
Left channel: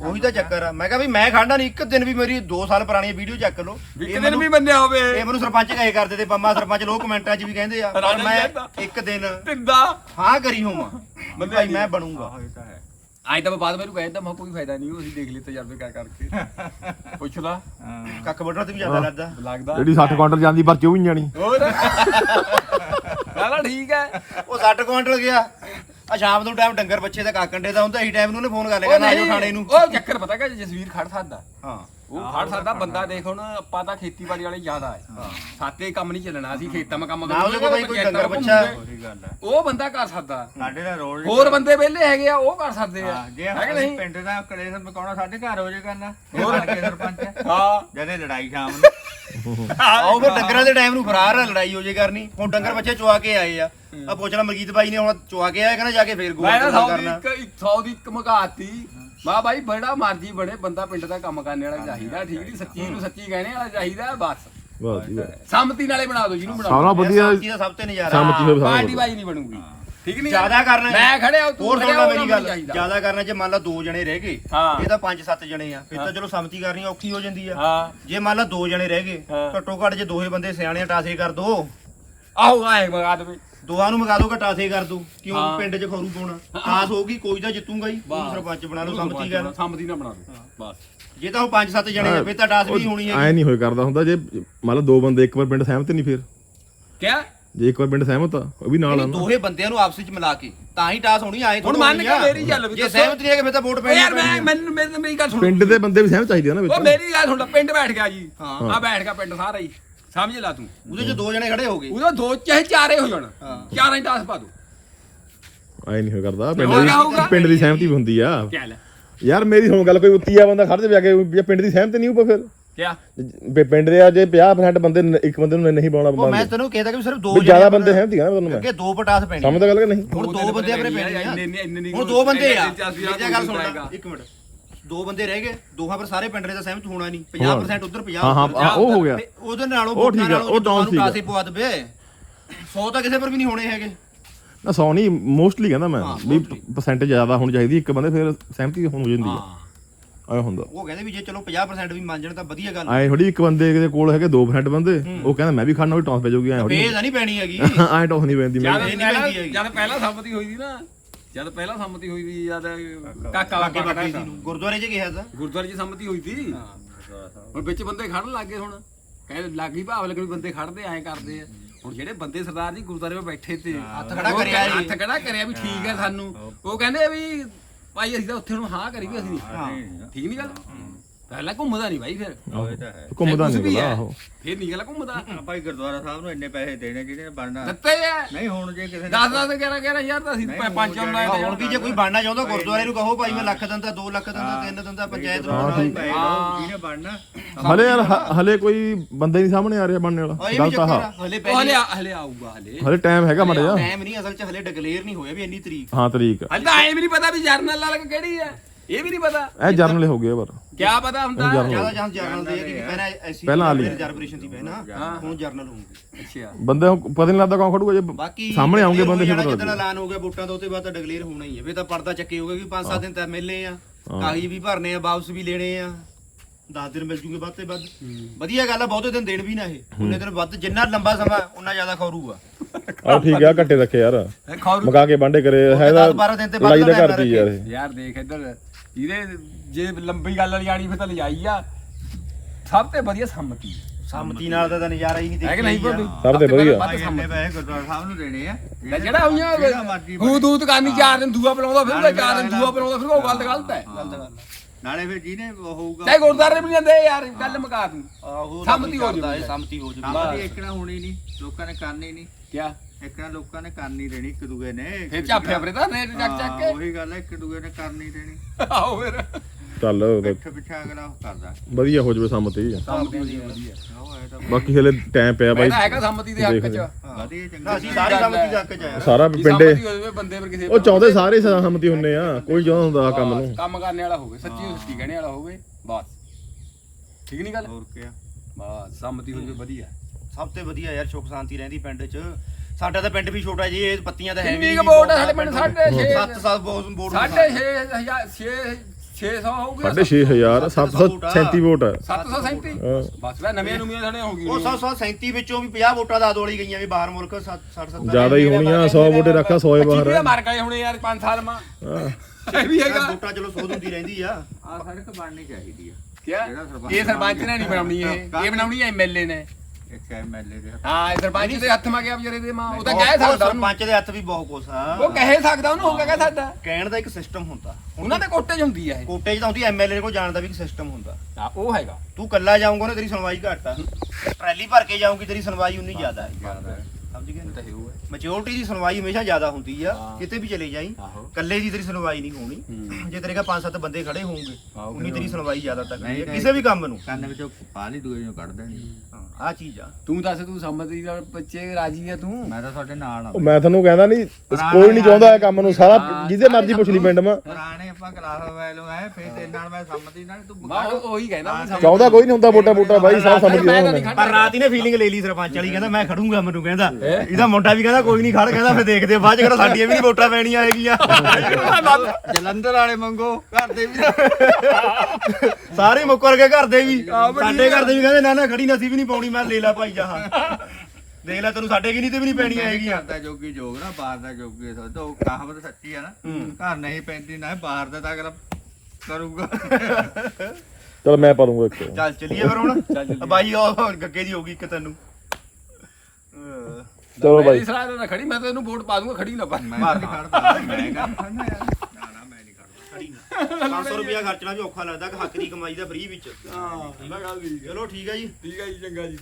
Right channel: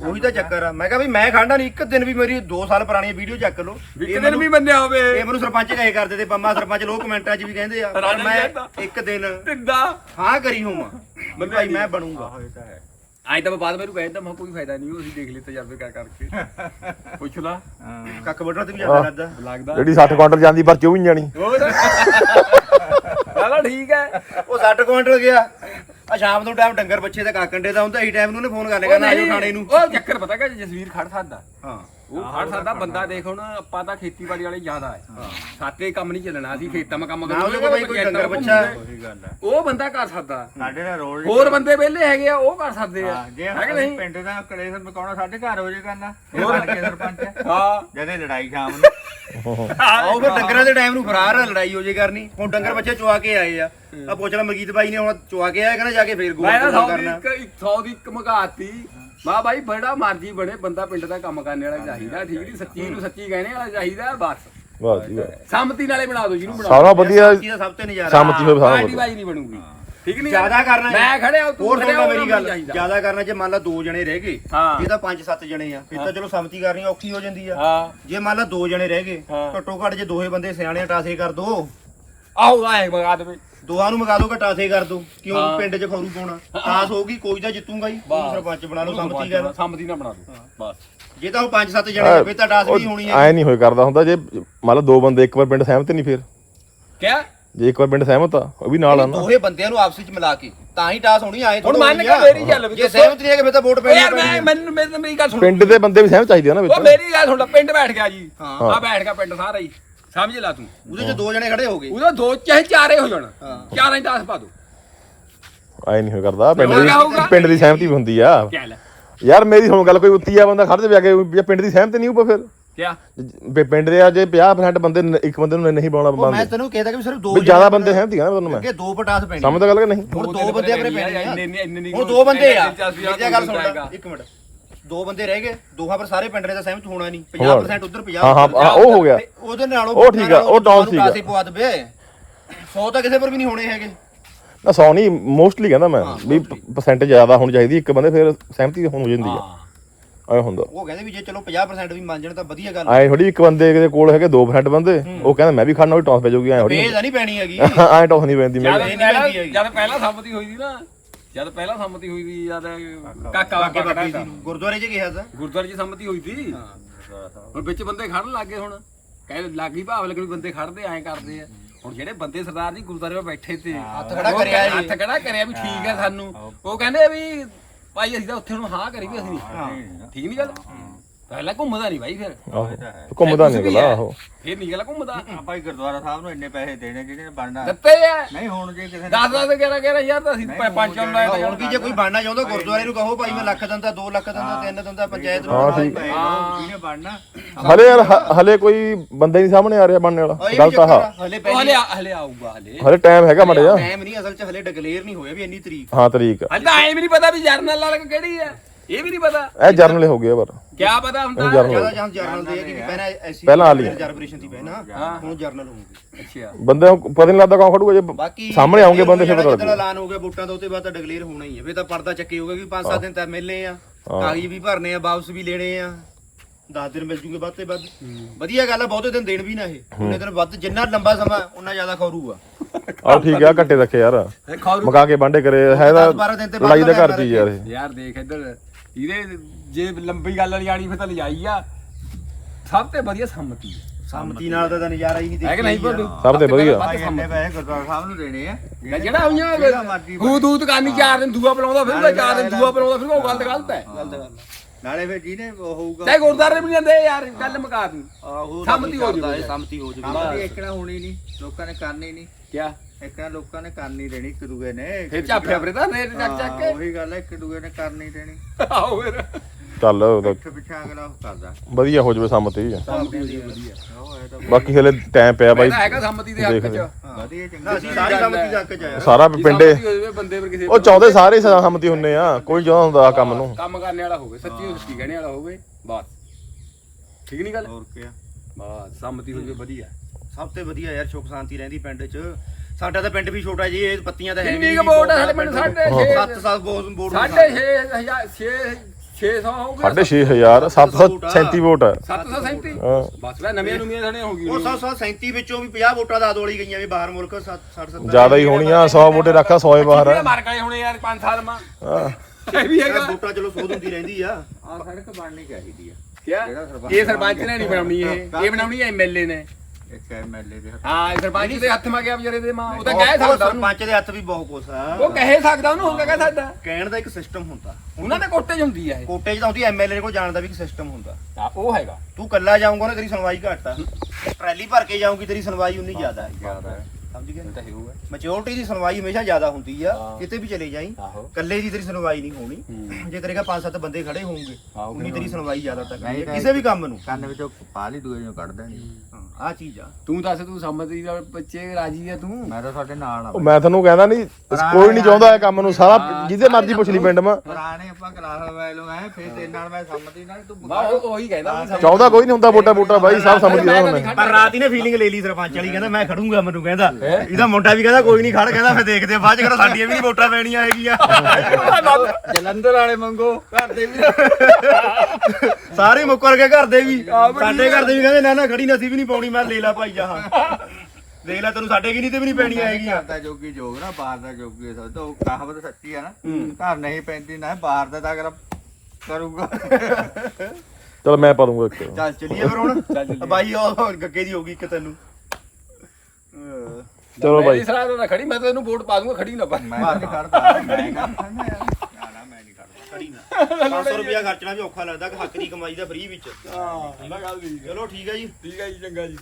[SPEAKER 2] ਉਹੀ ਤਾਂ ਚੱਕਰ ਆ। ਮੈਂ ਕਿਹਾ ਵੀ ਮੈਂ ਖੜਨਾ ਨਹੀਂ ਇੱਕ ਦਿਨ ਵੀ ਮੇਰੀ 2 ਸਾਲ ਪੁਰਾਣੀ ਵੀਡੀਓ ਚੱਕ ਲਓ।
[SPEAKER 5] ਇੱਕ ਦਿਨ ਵੀ ਮੰਨਿਆ ਹੋਵੇ।
[SPEAKER 2] ਇਹ ਮੈਨੂੰ ਸਰਪੰਚ ਕਹੇ ਕਰਦੇ ਤੇ ਪੰਮਾ ਸਰਪੰਚ ਲੋਕ ਕਮੈਂਟਾਂ 'ਚ ਵੀ ਕਹਿੰਦੇ ਆ ਪਰ ਮੈਂ। ਇੱਕ ਦਿਨ ਹਾਂ ਕਰੀ ਹੋਵਾਂ। ਮੈਂ ਭਾਈ ਮੈਂ ਬਣੂੰਗਾ।
[SPEAKER 5] ਅੱਜ ਤਾਂ ਮੈਂ ਬਾਅਦ ਮੈਨੂੰ ਕਹਿੰਦਾ ਮੈਂ ਕੋਈ ਫਾਇਦਾ ਨਹੀਂ ਅਸੀਂ ਦੇਖ ਲਈ ਤਜਰਬੇ ਕਰ ਕਰਕੇ। *laughs* ਪੁੱਛ ਲਾ।
[SPEAKER 2] ਕੱਖ ਵੱਢਣਾ ਤੇ ਵੀ ਜਾਂਦਾ ਲੱਗਦਾ।
[SPEAKER 5] ਲੱਗਦਾ।
[SPEAKER 6] ਜਿਹੜੀ 60 ਕੁਆਂਟਲ ਜਾਂਦੀ ਉਹ ਵੀ ਨੀ ਜਾਣੀ।
[SPEAKER 5] ਹੋਰ। ਚਲੋ ਠੀਕ ਹੈ।
[SPEAKER 2] ਉਹ 60 ਕੁਇੰਟਲ ਗਿਆ। ਆ ਸ਼ਾਮ ਨੂੰ ਟਾਈਮ ਡੰਗਰ ਬੱਚੇ ਦਾ ਕਾਕੰਡੇ ਦਾ ਹੁੰਦਾ ਹੀ ਟਾਈਮ ਨੂੰ ਉਹਨੇ ਫੋਨ ਕਰ ਲਿਆ ਨਾ ਆਜੋ ਥਾਣੇ ਨੂੰ।
[SPEAKER 5] ਉਹ ਚੱਕਰ ਪਤਾ ਕਿ ਜਸਵੀਰ ਖੜ ਸਕਦਾ।
[SPEAKER 2] ਹਾਂ।
[SPEAKER 5] ਉਹ ਖੜ ਸਕਦਾ ਬੰਦਾ ਦੇਖ ਹੁਣ ਆਪਾਂ ਤਾਂ ਖੇਤੀਬਾੜੀ ਵਾਲੇ ਜ਼ਿਆਦਾ ਹੈ। ਸਾਤੇ ਕੰਮ ਨਹੀਂ ਚੱਲਣਾ ਅਸੀਂ ਖੇਤਾਂ ਕੰਮ
[SPEAKER 2] ਨਾ ਉਹਦੇ ਕੋਈ ਡੰਗਰ। ਬੱਚਾ
[SPEAKER 4] ਉਹੀ ਗੱਲ ਹੈ।
[SPEAKER 5] ਉਹ ਬੰਦਾ ਕਰ ਸਕਦਾ।
[SPEAKER 4] ਸਾਡੇ ਦਾ ਰੋਜ਼
[SPEAKER 5] ਹੋਰ ਬੰਦੇ ਵਿਹਲੇ ਹੈਗੇ ਆ ਉਹ ਕਰ ਸਕਦੇ ਆ।
[SPEAKER 4] ਹਾਂ, ਜੇ
[SPEAKER 5] ਨਹੀਂ?
[SPEAKER 4] ਪਿੰਡ ਦਾ ਕਲੇਸ਼ ਮਕਾਉਣਾ ਸਾਡੇ ਘਰ ਹੋ ਜੇ ਕਰਨਾ। ਇਹ ਬਣ ਕੇ ਸਰਪੰਚ
[SPEAKER 5] ਹਾਂ।
[SPEAKER 4] ਜਦੇ ਲੜਾਈ ਸ਼ਾਮ ਨੂੰ।
[SPEAKER 1] ਆਓ ਫਿਰ ਡੰਗਰਾਂ ਦੇ ਟਾਈਮ ਨੂੰ ਫਰਾਰ ਲੜਾਈ ਹੋ ਜੇ ਕਰਨੀ। ਹੁਣ ਡੰਗਰ ਬੱਚੇ ਚੁਆ ਕੇ ਆਏ ਆ। ਆ ਪੁੱਛ ਲੈ ਮਲਕੀਤ ਬਾਈ ਨੇ ਹੁਣ ਚੁਆ ਕੇ ਆਇਆ ਕਹਿੰਦਾ ਜਾ ਕੇ ਫੇਰ ਗੋਲ
[SPEAKER 5] ਮੈਂ ਨਾ
[SPEAKER 1] ਗੋਲ
[SPEAKER 5] 100 ਦੀ
[SPEAKER 1] ਕਰਨਾ।
[SPEAKER 5] ਇੱਕ 100 ਦੀ ਮਗਾਤੀ। ਮਾ ਬਾਈ ਬੜਾ ਮਰਜ਼ੀ ਬਣੇ ਬੰਦਾ ਪਿੰਡ ਦਾ ਕੰਮ ਕਰਨ ਵਾਲਾ ਚਾਹੀਦਾ ਠੀਕ ਨਹੀਂ ਸੱਚੀ ਨੂੰ ਸੱਚੀ ਕਹਿਣੇ ਵਾਲਾ ਚਾਹੀਦਾ ਬਸ।
[SPEAKER 6] ਵਾਹ ਜੀ ਵਾਹ
[SPEAKER 5] ਸੰਮਤੀ ਨਾਲੇ ਬਣਾ ਦਿਓ ਜਿਹਨੂੰ ਬਣਾ
[SPEAKER 6] ਸਾਰਾ ਵਧੀਆ
[SPEAKER 1] ਦਾ ਸਭ ਤੋਂ ਨਜ਼ਾਰਾ।
[SPEAKER 6] ਸਮਝੀ ਹੋਵੇ ਸਾਰਾ
[SPEAKER 5] ਪਾਰਟੀ
[SPEAKER 6] ਵਧੀਆ
[SPEAKER 5] ਬਾਜੀ ਨਹੀਂ ਬਣੂਗੀ। ਠੀਕ ਨਹੀਂ
[SPEAKER 1] ਜ਼ਿਆਦਾ ਕਰਨਾ
[SPEAKER 5] ਮੈਂ ਖੜਿਆ ਤੂੰ
[SPEAKER 1] ਹੋਰ
[SPEAKER 5] ਖੜਿਆ
[SPEAKER 1] ਸੁਣਦਾ ਮੇਰੀ ਗੱਲ। ਜ਼ਿਆਦਾ ਕਰਨਾ ਜੇ ਮੰਨ ਲਾ ਦੋ ਜਣੇ ਰਹਿ ਗਏ
[SPEAKER 5] ਹਾਂ।
[SPEAKER 1] ਇਹ ਤਾਂ 5-7 ਜਣੇ ਆ। ਫਿਰ ਤਾਂ ਚਲੋ ਸਮਤੀ ਕਰਨੀ ਔਖੀ ਹੋ ਜਾਂਦੀ ਆ।
[SPEAKER 5] ਹਾਂ।
[SPEAKER 1] ਜੇ ਮੰਨ ਲਾ ਦੋ ਜਣੇ ਰਹਿ ਗਏ
[SPEAKER 5] ਹਾਂ।
[SPEAKER 1] ਘੱਟੋ ਘੱਟ ਜੇ ਦੋਹੇ ਬੰਦੇ ਸਿਆਣੇ ਟਾਸੇ ਕਰ ਦੋ।
[SPEAKER 5] ਆਹੋ ਆਏ ਮਗਾ ਦੇਵੇ।
[SPEAKER 1] ਦੋਹਾਂ ਨੂੰ ਮਗਾ ਦੋ ਟਾਸੇ ਕਰ ਦੋ ਕਿਉਂ। ਪਿੰਡ 'ਚ ਖਰੂ ਪਾਉਣਾ। ਟਾਸ ਹੋਊਗੀ ਕੋਈ ਤਾਂ ਜਿੱਤੂਗਾ ਹੀ ਕੋਈ ਸਰਪੰਚ ਬਣਾ ਲਓ ਸੰਮਤੀ ਕਰ।
[SPEAKER 5] ਸੰਮਤੀ ਨਾ ਬਣਾ ਦੋ। ਬਸ।
[SPEAKER 1] ਜੇ ਤਾਂ ਉਹ 5-7 ਜਣੇ ਫਿਰ ਤਾਂ ਟਾਸ ਵੀ ਹੋਣੀ ਆ।
[SPEAKER 6] ਐ ਨਹੀਂ ਹੋਏ ਕਰਦਾ ਹੁੰਦਾ ਜੇ ਮੰਨ ਲਾ ਦੋ ਬੰਦੇ ਇੱਕ ਵਾਰ ਪਿੰਡ ਸਹਿਮਤ ਨਹੀਂ ਫੇਰ।
[SPEAKER 5] ਕਿਆ?
[SPEAKER 6] ਜੇ ਇੱਕ ਵਾਰ ਪਿੰਡ ਸਹਿਮਤ ਆ ਉਹ ਵੀ ਨਾਲ ਆ ਨਾ
[SPEAKER 1] ਦੋਹੇ ਬੰਦਿਆਂ ਨੂੰ ਆਪਸ ਵਿੱਚ ਮਿਲਾ ਕੇ ਤਾਂ ਹੀ ਟਾਸ ਹੋਣੀ ਆਏ
[SPEAKER 5] ਹੁਣ ਮੰਨ ਕੇ ਮੇਰੀ ਗੱਲ ਵੀ
[SPEAKER 1] ਜੇ। ਸਹਿਮਤ ਨਹੀਂ ਹੈ ਕਿ ਫਿਰ ਤਾਂ ਵੋਟ ਪੈਣੀ
[SPEAKER 5] ਯਾਰ ਮੈਂ ਮੈਨੂੰ ਮੇਰੀ ਗੱਲ ਸੁਣ।
[SPEAKER 6] ਪਿੰਡ ਦੇ ਬੰਦੇ ਵੀ ਸਹਿਮਤ ਚਾਹੀਦੇ ਆ ਨਾ
[SPEAKER 5] ਉਹ
[SPEAKER 6] ਵਿੱਚ
[SPEAKER 5] ਮੇਰੀ ਗੱਲ ਸੁਣ ਲੈ, ਪਿੰਡ ਬੈਠ ਗਿਆ ਜੀ।
[SPEAKER 1] ਹਾਂ।
[SPEAKER 5] ਆ ਬੈਠ ਗਿਆ ਪਿੰਡ ਸਾਰਾ ਹੀ। ਸਮਝ ਲੈ ਤੂੰ।
[SPEAKER 1] ਉਹਦੇ 'ਚ ਦੋ ਜਣੇ ਖੜੇ ਹੋ ਗਏ।
[SPEAKER 5] ਉਹਦਾ ਦੋ ਚਾਹੇ ਚਾਰੇ ਹੋ ਜਾਣ ਚਾਰਾਂ ਹੀ 10 ਪਾ ਦੋ।
[SPEAKER 6] ਐ ਨਹੀਂ ਹੋਏ ਕਰਦਾ ਪਿੰਡ
[SPEAKER 5] ਹੋਰ ਕਿਆ ਹੋਊਗਾ?
[SPEAKER 6] ਦੀ ਪਿੰਡ ਦੀ ਸਹਿਮਤੀ ਵੀ ਹੁੰਦੀ ਆ।
[SPEAKER 5] ਕਿਆ ਲੈ।
[SPEAKER 6] ਯਾਰ ਮੇਰੀ ਸੁਣ ਗੱਲ ਕੋਈ ਉੱਤੀ ਆ ਬੰਦਾ ਖੜ ਜਾਵੇ ਆ ਕੇ ਵੀ ਪਿੰਡ ਦੀ ਸਹਿਮਤੀ ਨਹੀਂ ਉੱਪਰ ਫਿਰ।
[SPEAKER 5] ਕਿਆ?
[SPEAKER 6] ਵੀ ਪਿੰਡ ਦੇ ਆ ਜੇ 50% ਬੰਦੇ ਨ- ਇੱਕ ਬੰਦੇ ਨੂੰ ਨਹੀਂ ਪਾਉਣਾ
[SPEAKER 1] ਉਹ ਮੈਂ
[SPEAKER 6] ਬੰਦੇ
[SPEAKER 1] ਤੈਨੂੰ ਕਹਿਦਾ ਕਿ ਸਿਰਫ ਦੋ
[SPEAKER 6] ਜ਼ਿਆਦਾ ਬੰਦੇ ਸਹਿਮਤੀ ਆ ਨਾ ਤੁਹਾਨੂੰ ਮੈਂ।
[SPEAKER 1] ਅੱਗੇ ਦੋ ਪਟਾਸ ਪੈਣੀ
[SPEAKER 6] ਸਮਝਦਾ ਗੱਲ ਕਿ ਨਹੀਂ?
[SPEAKER 1] ਹੁਣ ਦੋ ਬੰਦੇ ਆਪਣੇ ਪੈਣੇ ਆ
[SPEAKER 5] ਇੰਨੇ ਇੰਨੇ ਨਹੀਂ
[SPEAKER 1] ਹੁਣ ਦੋ ਬੰਦੇ ਆ। ਗੱਲ ਸੁਣ। ਇੱਕ ਮਿੰਟ। ਦੋ ਬੰਦੇ ਰਹਿ ਗਏ ਦੋਹਾਂ ਪਰ ਸਾਰੇ ਪਿੰਡ ਦੇ ਤਾਂ ਸਹਿਮਤ ਹੋਣਾ ਨਹੀਂ। 50% ਉਧਰ 50
[SPEAKER 6] ਹਾਂ ਹਾਂ ਹਾਂ, ਉਹ ਹੋ ਗਿਆ।
[SPEAKER 1] ਉਹਦੇ ਨਾਲੋਂ
[SPEAKER 6] ਉਹ ਠੀਕ ਆ, ਉਹ ਠੀਕ ਆ।
[SPEAKER 1] ਕਾਸੇ ਪਵਾ ਦਵੇ। 100 ਤਾਂ ਕਿਸੇ ਪਰ ਵੀ ਨਹੀਂ ਹੋਣੇ ਹੈਗੇ।
[SPEAKER 6] ਨਾ 100 ਨਹੀਂ ਮੋਸਟਲੀ ਕਹਿੰਦਾ ਮੈਂ ਵੀ ਪਰਸੈਂਟੇਜ ਜ਼ਿਆਦਾ ਹੋਣੀ ਚਾਹੀਦੀ ਇੱਕ ਬੰਦੇ ਫਿਰ ਸਹਿਮਤੀ ਹੁਣ ਹੋ ਜਾਂਦੀ ਆ। ਐ ਹੁੰਦਾ।
[SPEAKER 1] ਉਹ ਕਹਿੰਦੇ ਵੀ ਜੇ ਚਲੋ 50% ਵੀ ਮੰਨ ਜਾਣ ਤਾਂ ਵਧੀਆ ਗੱਲ
[SPEAKER 6] ਐ ਥੋੜੀ ਇੱਕ ਬੰਦੇ ਦੇ ਕੋਲ ਹੈਗੇ 2% ਬੰਦੇ ਉਹ ਕਹਿੰਦਾ ਮੈਂ ਵੀ ਖਾਣਾ ਉਹ ਟੌਸ ਪੈ ਜਾਊਗੀ ਐ ਥੋੜੀ
[SPEAKER 1] ਇਹ ਤਾਂ ਨਹੀਂ ਪੈਣੀ ਹੈਗੀ।
[SPEAKER 6] ਐ ਟੌਸ ਨਹੀਂ ਪੈਂਦੀ ਮੈਂ।
[SPEAKER 5] ਜਦ ਪਹਿਲਾਂ ਸੰਮਤੀ ਹੋਈ ਸੀ ਨਾ ਜਦ ਪਹਿਲਾਂ ਸੰਮਤੀ ਹੋਈ ਸੀ ਜਦ ਕਾਕਾ
[SPEAKER 1] ਬਾਕੀ
[SPEAKER 5] ਬਾਬਾ
[SPEAKER 1] ਬਾਕੀ ਨੂੰ। ਗੁਰਦੁਆਰੇ 'ਚ ਕਿਹਾ ਤਾਂ
[SPEAKER 5] ਗੁਰਦੁਆਰੇ 'ਚ ਸੰਮਤੀ ਹੋਈ ਸੀ। ਹੁਣ ਵਿੱਚ ਬੰਦੇ ਖੜਨ ਲੱਗ ਗਏ ਹੁਣ। ਕਹਿੰਦੇ ਲੱਗੀ ਭਾਵ ਲੱਗਣੀ ਬੰਦੇ ਖੜਦੇ ਐਂ ਕਰਦੇ ਆ। ਹੁਣ ਜਿਹੜੇ ਬੰਦੇ ਸਰਦਾਰ ਜੀ ਗੁਰਦੁਆਰੇ 'ਤੇ ਬੈਠੇ ਤੇ
[SPEAKER 1] ਹੱਥ ਖੜਾ ਕਰਿਆ
[SPEAKER 5] ਹੱਥ ਖੜਾ ਕਰਿਆ ਵੀ ਠੀਕ ਹੈ। ਸਾਨੂੰ। ਉਹ ਕਹਿੰਦੇ ਵੀ ਭਾਈ ਅਸੀਂ ਤਾਂ ਉੱਥੇ ਹੁਣ ਹਾਂ ਕਰੀ ਵੀ ਅਸੀਂ। ਨਹੀਂ ਠੀਕ ਨਹੀਂ ਗੱਲ? ਪਹਿਲਾਂ ਘੁੰਮਦਾ ਨਹੀਂ ਬਾਈ ਫਿਰ।
[SPEAKER 6] ਆਹੋ ਘੁੰਮਦਾ ਨਹੀਂ ਗਲਾ ਆਹੋ।
[SPEAKER 5] ਫਿਰ ਨਹੀਂ ਗੱਲ ਘੁੰਮਦਾ।
[SPEAKER 4] ਆਪਾਂ ਹੀ ਗੁਰਦੁਆਰਾ ਸਾਹਿਬ ਨੂੰ ਇੰਨੇ ਪੈਸੇ ਦੇਣੇ ਜਿਹਨੇ ਨੇ ਬਣਨਾ।
[SPEAKER 5] ਦਿੱਤੇ ਆ।
[SPEAKER 4] ਨਹੀਂ ਹੁਣ ਜੇ ਕਿਸੇ ਨੇ
[SPEAKER 5] 10 10 11 11 ਹਜ਼ਾਰ ਤਾਂ ਅਸੀਂ ਪੰਜ ਚੋਂ ਲੈ ਕੇ
[SPEAKER 1] ਹੁਣ ਵੀ ਜੇ ਕੋਈ ਬਣਨਾ ਚਾਹੁੰਦਾ ਗੁਰਦੁਆਰੇ ਨੂੰ ਕਹੋ ਭਾਈ ਮੈਂ ਲੱਖ ਦਿੰਦਾ 2 ਲੱਖ ਦਿੰਦਾ 3 ਦਿੰਦਾ ਪੰਚਾਇਤ ਨੂੰ
[SPEAKER 6] ਹਾਂ,
[SPEAKER 1] ਬਣਾਓ
[SPEAKER 6] ਠੀਕ।
[SPEAKER 1] ਪੈਸੇ
[SPEAKER 5] ਹਾਂ।
[SPEAKER 4] ਜਿਹਨੇ ਬਣਨਾ।
[SPEAKER 6] ਹਲੇ ਯਾਰ ਹ- ਹਲੇ ਕੋਈ ਬੰਦਾ ਨਹੀਂ ਸਾਹਮਣੇ ਆ ਰਿਹਾ ਬਣਨੇ ਵਾਲਾ।
[SPEAKER 1] ਆਹ ਇਹ ਵੀ
[SPEAKER 6] ਗੱਲ ਤਾਂ
[SPEAKER 1] ਚੱਕਰ
[SPEAKER 6] ਹਾਂ
[SPEAKER 1] ਆ, ਹਲੇ
[SPEAKER 5] ਹਲੇ ਹਲੇ ਆਊਗਾ ਹਲੇ।
[SPEAKER 6] ਹਲੇ ਟਾਈਮ ਹੈਗਾ ਮੜੇ ਜਾ
[SPEAKER 1] ਟਾਈਮ ਨਹੀਂ ਅਸਲ 'ਚ ਹਲੇ ਡਿਕਲੇਅਰ ਨਹੀਂ ਹੋਇਆ ਵੀ ਇੰਨੀ ਤਰੀਕ।
[SPEAKER 6] ਹਾਂ ਤਰੀਕ।
[SPEAKER 5] ਹਲੇ ਤਾਂ ਐਂ ਵੀ ਨਹੀਂ ਪਤਾ ਵੀ ਜਰਨਲ ਵਾਲਾ ਕਿਹੜੀ ਹੈ ਇਹ ਵੀ ਨਹੀਂ ਪਤਾ।
[SPEAKER 6] ਇਹ ਜਰਨਲ ਹੋ ਗਿਆ ਪਰ।
[SPEAKER 5] ਕਿਆ ਪਤਾ ਹੁੰਦਾ
[SPEAKER 6] ਜਰਨਲ
[SPEAKER 1] ਜ਼ਿਆਦਾ ਜਰਨਲ ਦੇ ਕਿ ਪਹਿਲਾਂ ਐਸੀ
[SPEAKER 6] ਪਹਿਲਾਂ ਆਲੀ।
[SPEAKER 1] ਰਿਜ਼ਰਵੇਸ਼ਨ ਸੀ ਪਹਿਲਾਂ।
[SPEAKER 5] ਹਾਂ।
[SPEAKER 1] ਹੁਣ ਜਰਨਲ ਹੋਊਗੀ।
[SPEAKER 5] ਅੱਛਾ।
[SPEAKER 6] ਬੰਦੇ ਨੂੰ ਪਤਾ ਨਹੀਂ ਲੱਗਦਾ ਕੌਣ ਖੜੂਗਾ ਜੇ
[SPEAKER 1] ਬਾਕੀ
[SPEAKER 6] ਸਾਹਮਣੇ ਆਉਂਗੇ ਬੰਦੇ ਫਿਰ ਪਤਾ
[SPEAKER 1] ਜਦੋਂ
[SPEAKER 6] ਲੱਗੂ
[SPEAKER 1] ਐਲਾਨ ਹੋ ਗਿਆ ਵੋਟਾਂ ਦਾ ਉਹਦੇ ਬਾਅਦ ਤਾਂ ਡਿਕਲੇਅਰ ਹੋਣਾ ਹੀ ਹੈ ਫੇਰ ਤਾਂ ਪਰਦਾ ਚੱਕੇ ਹੋਗਾ ਕਿ 5-7 ਦਿਨ ਤਾਂ ਐਮਐਲਏ ਆ। ਕਾਗਜ਼ ਵੀ ਭਰਨੇ ਆ ਵਾਪਸ ਵੀ ਲੈਣੇ ਆ। 10 ਦਿਨ ਮਿਲ ਜੂਗੇ ਵੱਧ ਤੇ ਵੱਧ। ਵਧੀਆ ਗੱਲ ਆ ਬਹੁਤੇ ਦਿਨ ਦੇਣ ਵੀ ਨਾ ਇਹ। ਉਹਨੇ ਦਿਨ ਵੱਧ ਜਿੰਨਾ ਲੰਬਾ ਸਮਾਂ ਉਹਨਾਂ ਜ਼ਿਆਦਾ ਖਰੂ ਆ
[SPEAKER 6] ਆ ਠੀਕ ਆ ਘੱਟੇ ਰੱਖੇ ਯਾਰ।
[SPEAKER 5] ਖੌਰੂ
[SPEAKER 6] ਮਗਾ ਕੇ ਬਾਂਡੇ ਕਰੇ ਹੈ ਦਾ
[SPEAKER 1] 10-12 ਦਿਨ ਤੇ ਬਾਅਦ
[SPEAKER 6] ਲੜਾਈ ਦਾ
[SPEAKER 1] ਦਾ
[SPEAKER 6] ਘਰ ਦੀ ਯਾਰ ਇਹ।
[SPEAKER 5] ਯਾਰ ਦੇਖ ਇੱਧਰ। ਇਹਦੇ ਜੇ ਲੰਬੀ ਗੱਲ ਲਿਆਣੀ ਫਿਰ ਤਾਂ ਲਿਜਾਈ ਆ। ਸਭ ਤੋਂ ਵਧੀਆ ਸੰਮਤੀ ਹੈ
[SPEAKER 1] ਸੰਮਤੀ ਨਾਲ ਤਾਂ ਨਜ਼ਾਰਾ ਹੀ ਨਹੀਂ
[SPEAKER 5] ਹੈ ਕਿ ਨਹੀਂ ਭੋਲੂ
[SPEAKER 6] ਸਭ ਤੋਂ ਵਧੀਆ।
[SPEAKER 5] ਵੱਧ ਸੰਮਤੀ
[SPEAKER 4] ਪੈਸੇ ਗੁਰਦੁਆਰਾ ਸਾਹਿਬ ਨੂੰ ਦੇਣੇ ਆ।
[SPEAKER 5] ਲੈ ਜਿਹੜਾ ਹੋਈਆਂ ਹੂ ਦੂਤ ਕਰਨੀ ਚਾਰ ਦਿਨ ਦੂਆ ਬਣਾਉਂਦਾ ਫਿਰ ਉਹ ਚਾਰ ਦਿਨ ਦੂਆ ਬਣਾਉਂਦਾ ਫਿਰ ਉਹ ਗੱਲ ਤਾਂ ਗਲਤ ਹੈ।
[SPEAKER 4] ਨਾਲੇ ਫਿਰ ਜਿਹਨੇ ਉਹ ਹੋਊਗਾ
[SPEAKER 5] ਚਾਹੇ ਗੁਰਦਾਰੇ ਵੀ ਜਾਂਦੇ ਯਾਰ ਗੱਲ ਮੁਕਾ ਦੂੰ।
[SPEAKER 1] ਆਹੋ
[SPEAKER 5] ਸੰਮਤੀ ਹੋ ਜੂਗੀ
[SPEAKER 1] ਸੰਮਤੀ ਹੋ
[SPEAKER 4] ਕੰਮ ਦੀ ਇੱਕਣਾ ਹੋਣੀ ਨਹੀਂ ਲੋਕਾਂ ਨੇ ਕਰਨੀ ਨਹੀਂ।
[SPEAKER 5] ਕਿਆ?
[SPEAKER 4] ਇੱਕਣਾ ਲੋਕਾਂ ਨੇ ਕਰਨੀ ਦੇਣੀ ਇੱਕ ਦੂਏ ਨੇ।
[SPEAKER 5] ਫਿਰ ਝਾਫਿਆ ਫਿਰ ਤਾਂ ਰੇਟ ਚੱਕ ਚੱਕ
[SPEAKER 4] ਹਾਂ, ਉਹੀ ਗੱਲ ਹੈ ਇੱਕ ਦੂਏ ਨੇ ਕਰਨੀ ਦੇਣੀ।
[SPEAKER 5] ਕੇ ਆਓ ਫਿਰ।
[SPEAKER 6] ਚੱਲ ਉਹ ਤਾਂ
[SPEAKER 4] ਪਿੱਛੇ ਪਿੱਛੇ ਅਗਲਾ ਉਹ ਕਰਦਾ।
[SPEAKER 6] ਵਧੀਆ ਹੋ ਜਾਵੇ ਸੰਮਤੀ।
[SPEAKER 5] ਸੰਮਤੀ ਹੋ ਜੀ ਵਧੀਆ।
[SPEAKER 4] ਉਹ ਇਹ ਤਾਂ
[SPEAKER 6] ਬਾਕੀ ਹਲੇ ਟਾਈਮ ਪਿਆ ਬਾਈ।
[SPEAKER 5] ਮੈਂ ਹੈਗਾ ਸੰਮਤੀ ਦੇ ਹੱਕ। ਚ।
[SPEAKER 4] ਵਧੀਆ ਚੰਗਾ
[SPEAKER 1] ਅਸੀਂ ਸਾਰੀ ਸੰਮਤੀ ਤੱਕ ਚ ਆਇਆ
[SPEAKER 6] ਸਾਰਾ
[SPEAKER 5] ਜੇ
[SPEAKER 6] ਪਿੰਡੇ
[SPEAKER 5] ਸੰਮਤੀ ਹੋ ਜਾਵੇ ਬੰਦੇ ਪਰ ਕਿਸੇ
[SPEAKER 6] ਉਹ ਚਾਹੁੰਦੇ ਸਾਰੇ ਸਹਿਮਤੀ ਹੁੰਨੇ ਆ। ਕੋਈ ਚਾਹੁੰਦਾ ਹੁੰਦਾ ਆ ਕੰਮ ਨੂੰ।
[SPEAKER 5] ਕੰਮ ਕਰਨ ਵਾਲਾ ਹੋਵੇ ਸੱਚੀ ਸੱਚੀ ਕਹਿਣੇ ਵਾਲਾ ਹੋਵੇ ਬਸ। ਠੀਕ ਨਹੀਂ ਗੱਲ?
[SPEAKER 4] ਹੋਰ ਕੀ
[SPEAKER 5] ਬਸ ਸੰਮਤੀ ਹੋ ਜਾਵੇ ਵਧੀਆ।
[SPEAKER 1] ਸਭ ਤੋਂ ਵਧੀਆ ਯਾਰ ਸੁੱਖ ਸ਼ਾਂਤੀ ਰਹਿੰਦੀ ਪਿੰਡ 'ਚ। ਸਾਡਾ ਤਾਂ ਪਿੰਡ ਵੀ ਛੋਟਾ ਜੀ ਇਹ ਪੱਤੀਆਂ ਤਾਂ ਹੈ
[SPEAKER 5] ਕਿੰਨੀ
[SPEAKER 1] ਨਹੀਂ
[SPEAKER 5] ਕੁ ਵੋਟ ਹੈ ਸਾਡੇ ਪਿੰਡ? ਸਾਢੇ ਛੇ।
[SPEAKER 1] 7 7 ਵੋਟ
[SPEAKER 5] ਸਾਢੇ 6 600 ਹੋਊਗਾ।
[SPEAKER 6] ਸਾਢੇ 6000 737 ਵੋਟ ਹੈ
[SPEAKER 5] 737
[SPEAKER 6] ਹਾਂ।
[SPEAKER 5] ਬਸ ਵੇ ਨਵੀਆਂ ਨਵੀਆਂ ਸਣੇ ਹੋ
[SPEAKER 1] ਉਹ
[SPEAKER 5] ਗਈਆਂ
[SPEAKER 1] 100 37 ਵਿੱਚੋਂ ਵੀ 50 ਵੋਟਾਂ ਦਾ ਦੋਲੀ ਗਈਆਂ ਵੀ ਬਾਹਰ ਮੁਲਕ 60 70
[SPEAKER 6] ਜ਼ਿਆਦਾ ਹੀ ਹੋਣੀਆਂ 100 ਵੋਟੇ ਰੱਖਾ 100 ਹੀ ਬਾਹਰ ਹੈ
[SPEAKER 5] ਮਰ ਗਏ ਹੁਣੇ ਯਾਰ 5 ਸਾਲ ਮਾ।
[SPEAKER 6] ਹਾਂ।
[SPEAKER 5] ਇਹ ਵੀ ਹੈਗਾ।
[SPEAKER 1] ਵੋਟਾਂ ਚਲੋ ਸੋਧ ਹੁੰਦੀ ਰਹਿੰਦੀ ਆ।
[SPEAKER 4] ਆ ਸੜਕ ਬਣਨੀ ਚਾਹੀਦੀ ਆ।
[SPEAKER 5] ਕਿਆ? ਇਹ ਸਰਪੰਚ ਨੇ ਨਹੀਂ ਬਣਾਉਣੀ ਇਹ। ਇਹ ਬਣਾਉਣੀ ਹੈ ਐਮਐਲਏ ਨੇ।
[SPEAKER 4] ਇੱਕ ਐਮਐਲਏ ਦੇ
[SPEAKER 5] ਹਾਂ ਇਹ ਸਰਪੰਚ ਦੇ ਹੱਥ ਮਾ ਗਿਆ ਵਿਚਾਰੇ ਦੇ ਮਾਂ ਉਹ ਤਾਂ
[SPEAKER 1] ਬਹੁਤ-
[SPEAKER 5] ਕਹਿ ਸਕਦਾ ਉਹਨੂੰ।
[SPEAKER 1] ਸਰਪੰਚ ਦੇ ਹੱਥ ਵੀ ਬਹੁਤ ਕੁਛ ਆ।
[SPEAKER 5] ਉਹ ਕਹਿ ਸਕਦਾ ਉਹਨੂੰ ਹੁਣ ਕਹਿ ਸਕਦਾ?
[SPEAKER 1] ਕਹਿਣ ਦਾ ਇੱਕ ਸਿਸਟਮ ਹੁੰਦਾ।
[SPEAKER 5] ਉਹਨਾਂ ਦੇ ਕੋਟੇ 'ਚ ਹੁੰਦੀ ਆ ਇਹ।
[SPEAKER 1] ਕੋਟੇ 'ਚ ਤਾਂ ਹੁੰਦੀ ਐਮਐਲਏ ਕੋਲ ਜਾਣ ਦਾ ਵੀ ਇੱਕ ਸਿਸਟਮ ਹੁੰਦਾ।
[SPEAKER 5] ਹਾਂ, ਉਹ ਹੈਗਾ।
[SPEAKER 1] ਤੂੰ ਕੱਲਾ ਜਾਊਂਗਾ ਨਾ ਤੇਰੀ ਸੁਣਵਾਈ ਘੱਟ ਆ। ਟਰੈਲੀ ਭਰ ਕੇ ਜਾਊਂਗੀ ਤੇਰੀ ਸੁਣਵਾਈ ਉਨੀ ਜ਼ਿਆਦਾ ਹੈ।
[SPEAKER 4] ਜ਼ਿਆਦਾ ਹੈ।
[SPEAKER 1] ਸਮਝ
[SPEAKER 5] ਤਾਂ
[SPEAKER 1] ਮੈਚੋਰਟੀ ਦੀ ਸੁਣਵਾਈ ਹਮੇਸ਼ਾ ਜ਼ਿਆਦਾ ਹੁੰਦੀ ਆ।
[SPEAKER 5] ਹਾਂ।
[SPEAKER 1] ਕਿਤੇ ਵੀ ਚਲੇ ਜਾਈਂ
[SPEAKER 5] ਆਹੋ।
[SPEAKER 1] ਕੱਲੇ ਦੀ ਤੇਰੀ ਸੁਣਵਾਈ ਨਹੀਂ ਹੋਣੀ।
[SPEAKER 5] ਹੂੰ।
[SPEAKER 1] ਜੇ ਕਰੇਗਾ ਪੰਜ ਸੱਤ ਬੰਦੇ ਖੜੇ ਹੋਣਗੇ
[SPEAKER 5] ਆਹੋ,
[SPEAKER 1] ਉਨੀ ਤੇਰੀ ਸੁਣਵਾਈ ਜ਼ਿਆਦਾ ਤੱਕ
[SPEAKER 4] ਨਹੀਂ ਤਾਂ-
[SPEAKER 1] ਕਿਸੇ ਵੀ ਕੰਮ ਨੂੰ।
[SPEAKER 4] ਕੰਨ ਵਿੱਚੋਂ ਪਾ ਲਈ ਦੂਏ ਨੂੰ ਕੱਢ ਦੇਣੀ।
[SPEAKER 1] ਆ ਚੀਜ਼ ਆ।
[SPEAKER 5] ਤੂੰ ਦੱਸ ਤੂੰ ਸਮਝਦੀ ਦਾ ਬੱਚੇ ਰਾਜੀ ਆ ਤੂੰ?
[SPEAKER 4] ਮੈਂ ਤਾਂ ਤੁਹਾਡੇ ਨਾਲ ਆ।
[SPEAKER 6] ਉਹ ਮੈਂ ਤੁਹਾਨੂੰ ਕਹਿੰਦਾ ਨਹੀਂ ਕੋਈ ਨਹੀਂ ਚਾਹੁੰਦਾ ਇਹ ਕੰਮ ਨੂੰ ਸਾਰਾ ਜਿਹਦੇ ਮਰਜ਼ੀ ਪੁੱਛ ਲਈ ਪਿੰਡ ਮਾ।
[SPEAKER 4] ਪੁਰਾਣੇ ਆਪਾਂ ਕਲਾਸ ਵੈਲੋ ਹੈ ਫਿਰ ਤੇਰੇ ਨਾਲ ਮੈਂ ਸੰਮਤੀ ਨਾਲ ਤੂੰ
[SPEAKER 5] ਬਸ ਉਹੀ ਕਹਿੰਦਾ ਮੈਂ
[SPEAKER 6] ਚਾਹੁੰਦਾ ਕੋਈ ਨਹੀਂ ਹੁੰਦਾ ਮੋਟਾ ਮੋਟਾ ਬਾਈ ਸਭ ਸਮਝਦੀ
[SPEAKER 5] ਮੈਂ ਕਦੀ
[SPEAKER 1] ਪਰ ਰਾਤ ਹੀ ਨੇ ਫੀਲਿੰਗ ਲੈ ਲਈ ਸਰਪੰਚ ਵਾਲੀ ਕਹਿੰਦਾ ਮੈਂ ਖੜੂੰਗਾ ਮੈਨੂੰ ਕਹਿੰਦਾ। ਇਹਦਾ ਮੁੰਡਾ ਵੀ ਕਹਿੰਦਾ ਕੋਈ ਨਹੀਂ ਖੜ ਕਹਿੰਦਾ ਫਿਰ ਦੇਖਦੇ ਆ ਬਾਅਦ ਚ ਕਹਿੰਦਾ ਸਾਡੀਆਂ ਵੀ ਨਹੀਂ ਵੋਟਾਂ ਪੈਣੀਆਂ ਹੈਗੀਆਂ।
[SPEAKER 4] ਜਲੰਧਰ ਵਾਲੇ ਮੰਗੋ ਘਰ ਦੇ ਵੀ।
[SPEAKER 1] ਸਾਰੇ ਮੁੱਕਰ ਕੇ ਘਰ ਦੇ ਵੀ। ਸਾਡੇ ਘਰ ਦੇ ਵੀ ਕਹਿੰਦੇ ਨਾ ਨਾ ਖੜੀ ਨਸੀ ਵੀ ਨਹੀਂ ਪਾਉਣੀ। ਮੈਂ ਲੈ ਲਾ ਭਾਈ ਜਹਾਂ ਦੇਖ ਲੈ ਤੈਨੂੰ ਸਾਡੇ ਕੀ ਨਹੀਂ ਤੇ ਵੀ ਨਹੀਂ ਪੈਣੀਆਂ ਹੈਗੀਆਂ
[SPEAKER 4] ਘਰ ਦਾ ਜੋਗੀ ਜੋਗ ਨਾ ਬਾਹਰ ਦਾ ਜੋਗੀ ਸੋ ਉਹ ਕਹਾਵਤ ਸੱਚੀ ਆ ਨਾ। ਘਰ ਨਹੀਂ ਪੈਂਦੀ ਨਾ ਬਾਹਰ ਦਾ ਤਾਂ ਅਗਰ ਕਰੂਗਾ।
[SPEAKER 6] ਚਲ ਮੈਂ ਪਾ ਦੂੰਗਾ ਇੱਕ।
[SPEAKER 1] ਚੱਲ ਚੱਲੀਏ ਫਿਰ ਹੁਣ। ਬਾਈ ਉਹ ਗੱਗੇ ਦੀ ਹੋਗੀ ਇੱਕ ਤੈਨੂੰ।
[SPEAKER 6] ਚਲੋ
[SPEAKER 5] ਮੇਰੀ ਸਲਾਹ ਤਾਂ ਖੜੀ ਮੈਂ ਤਾਂ ਇਹਨੂੰ ਵੋਟ ਪਾ ਦੂੰਗਾ ਖੜੀ ਨਾ ਪਾ।
[SPEAKER 4] ਮੈਂ ਨਹੀਂ ਖੜਦਾ ਮੈਂ ਕੰਮ ਕਰਨਾ ਯਾਰ ਨਾ ਨਾ ਮੈਂ ਨਹੀਂ ਖੜਦਾ।
[SPEAKER 1] ਖੜੀ ਨਾ 500 ਰੁਪਿਆ ਖਰਚਣਾ ਵੀ ਔਖਾ ਲੱਗਦਾ ਕਿ ਹੱਕ ਦੀ ਕਮਾਈ ਦਾ ਫ੍ਰੀ ਵਿੱਚ।
[SPEAKER 5] ਹਾਂ ਮੈਂ ਗੱਲ
[SPEAKER 1] ਠੀਕ ਹੈ ਜੀ।
[SPEAKER 5] ਠੀਕ ਹੈ ਜੀ ਚੰਗਾ ਜੀ।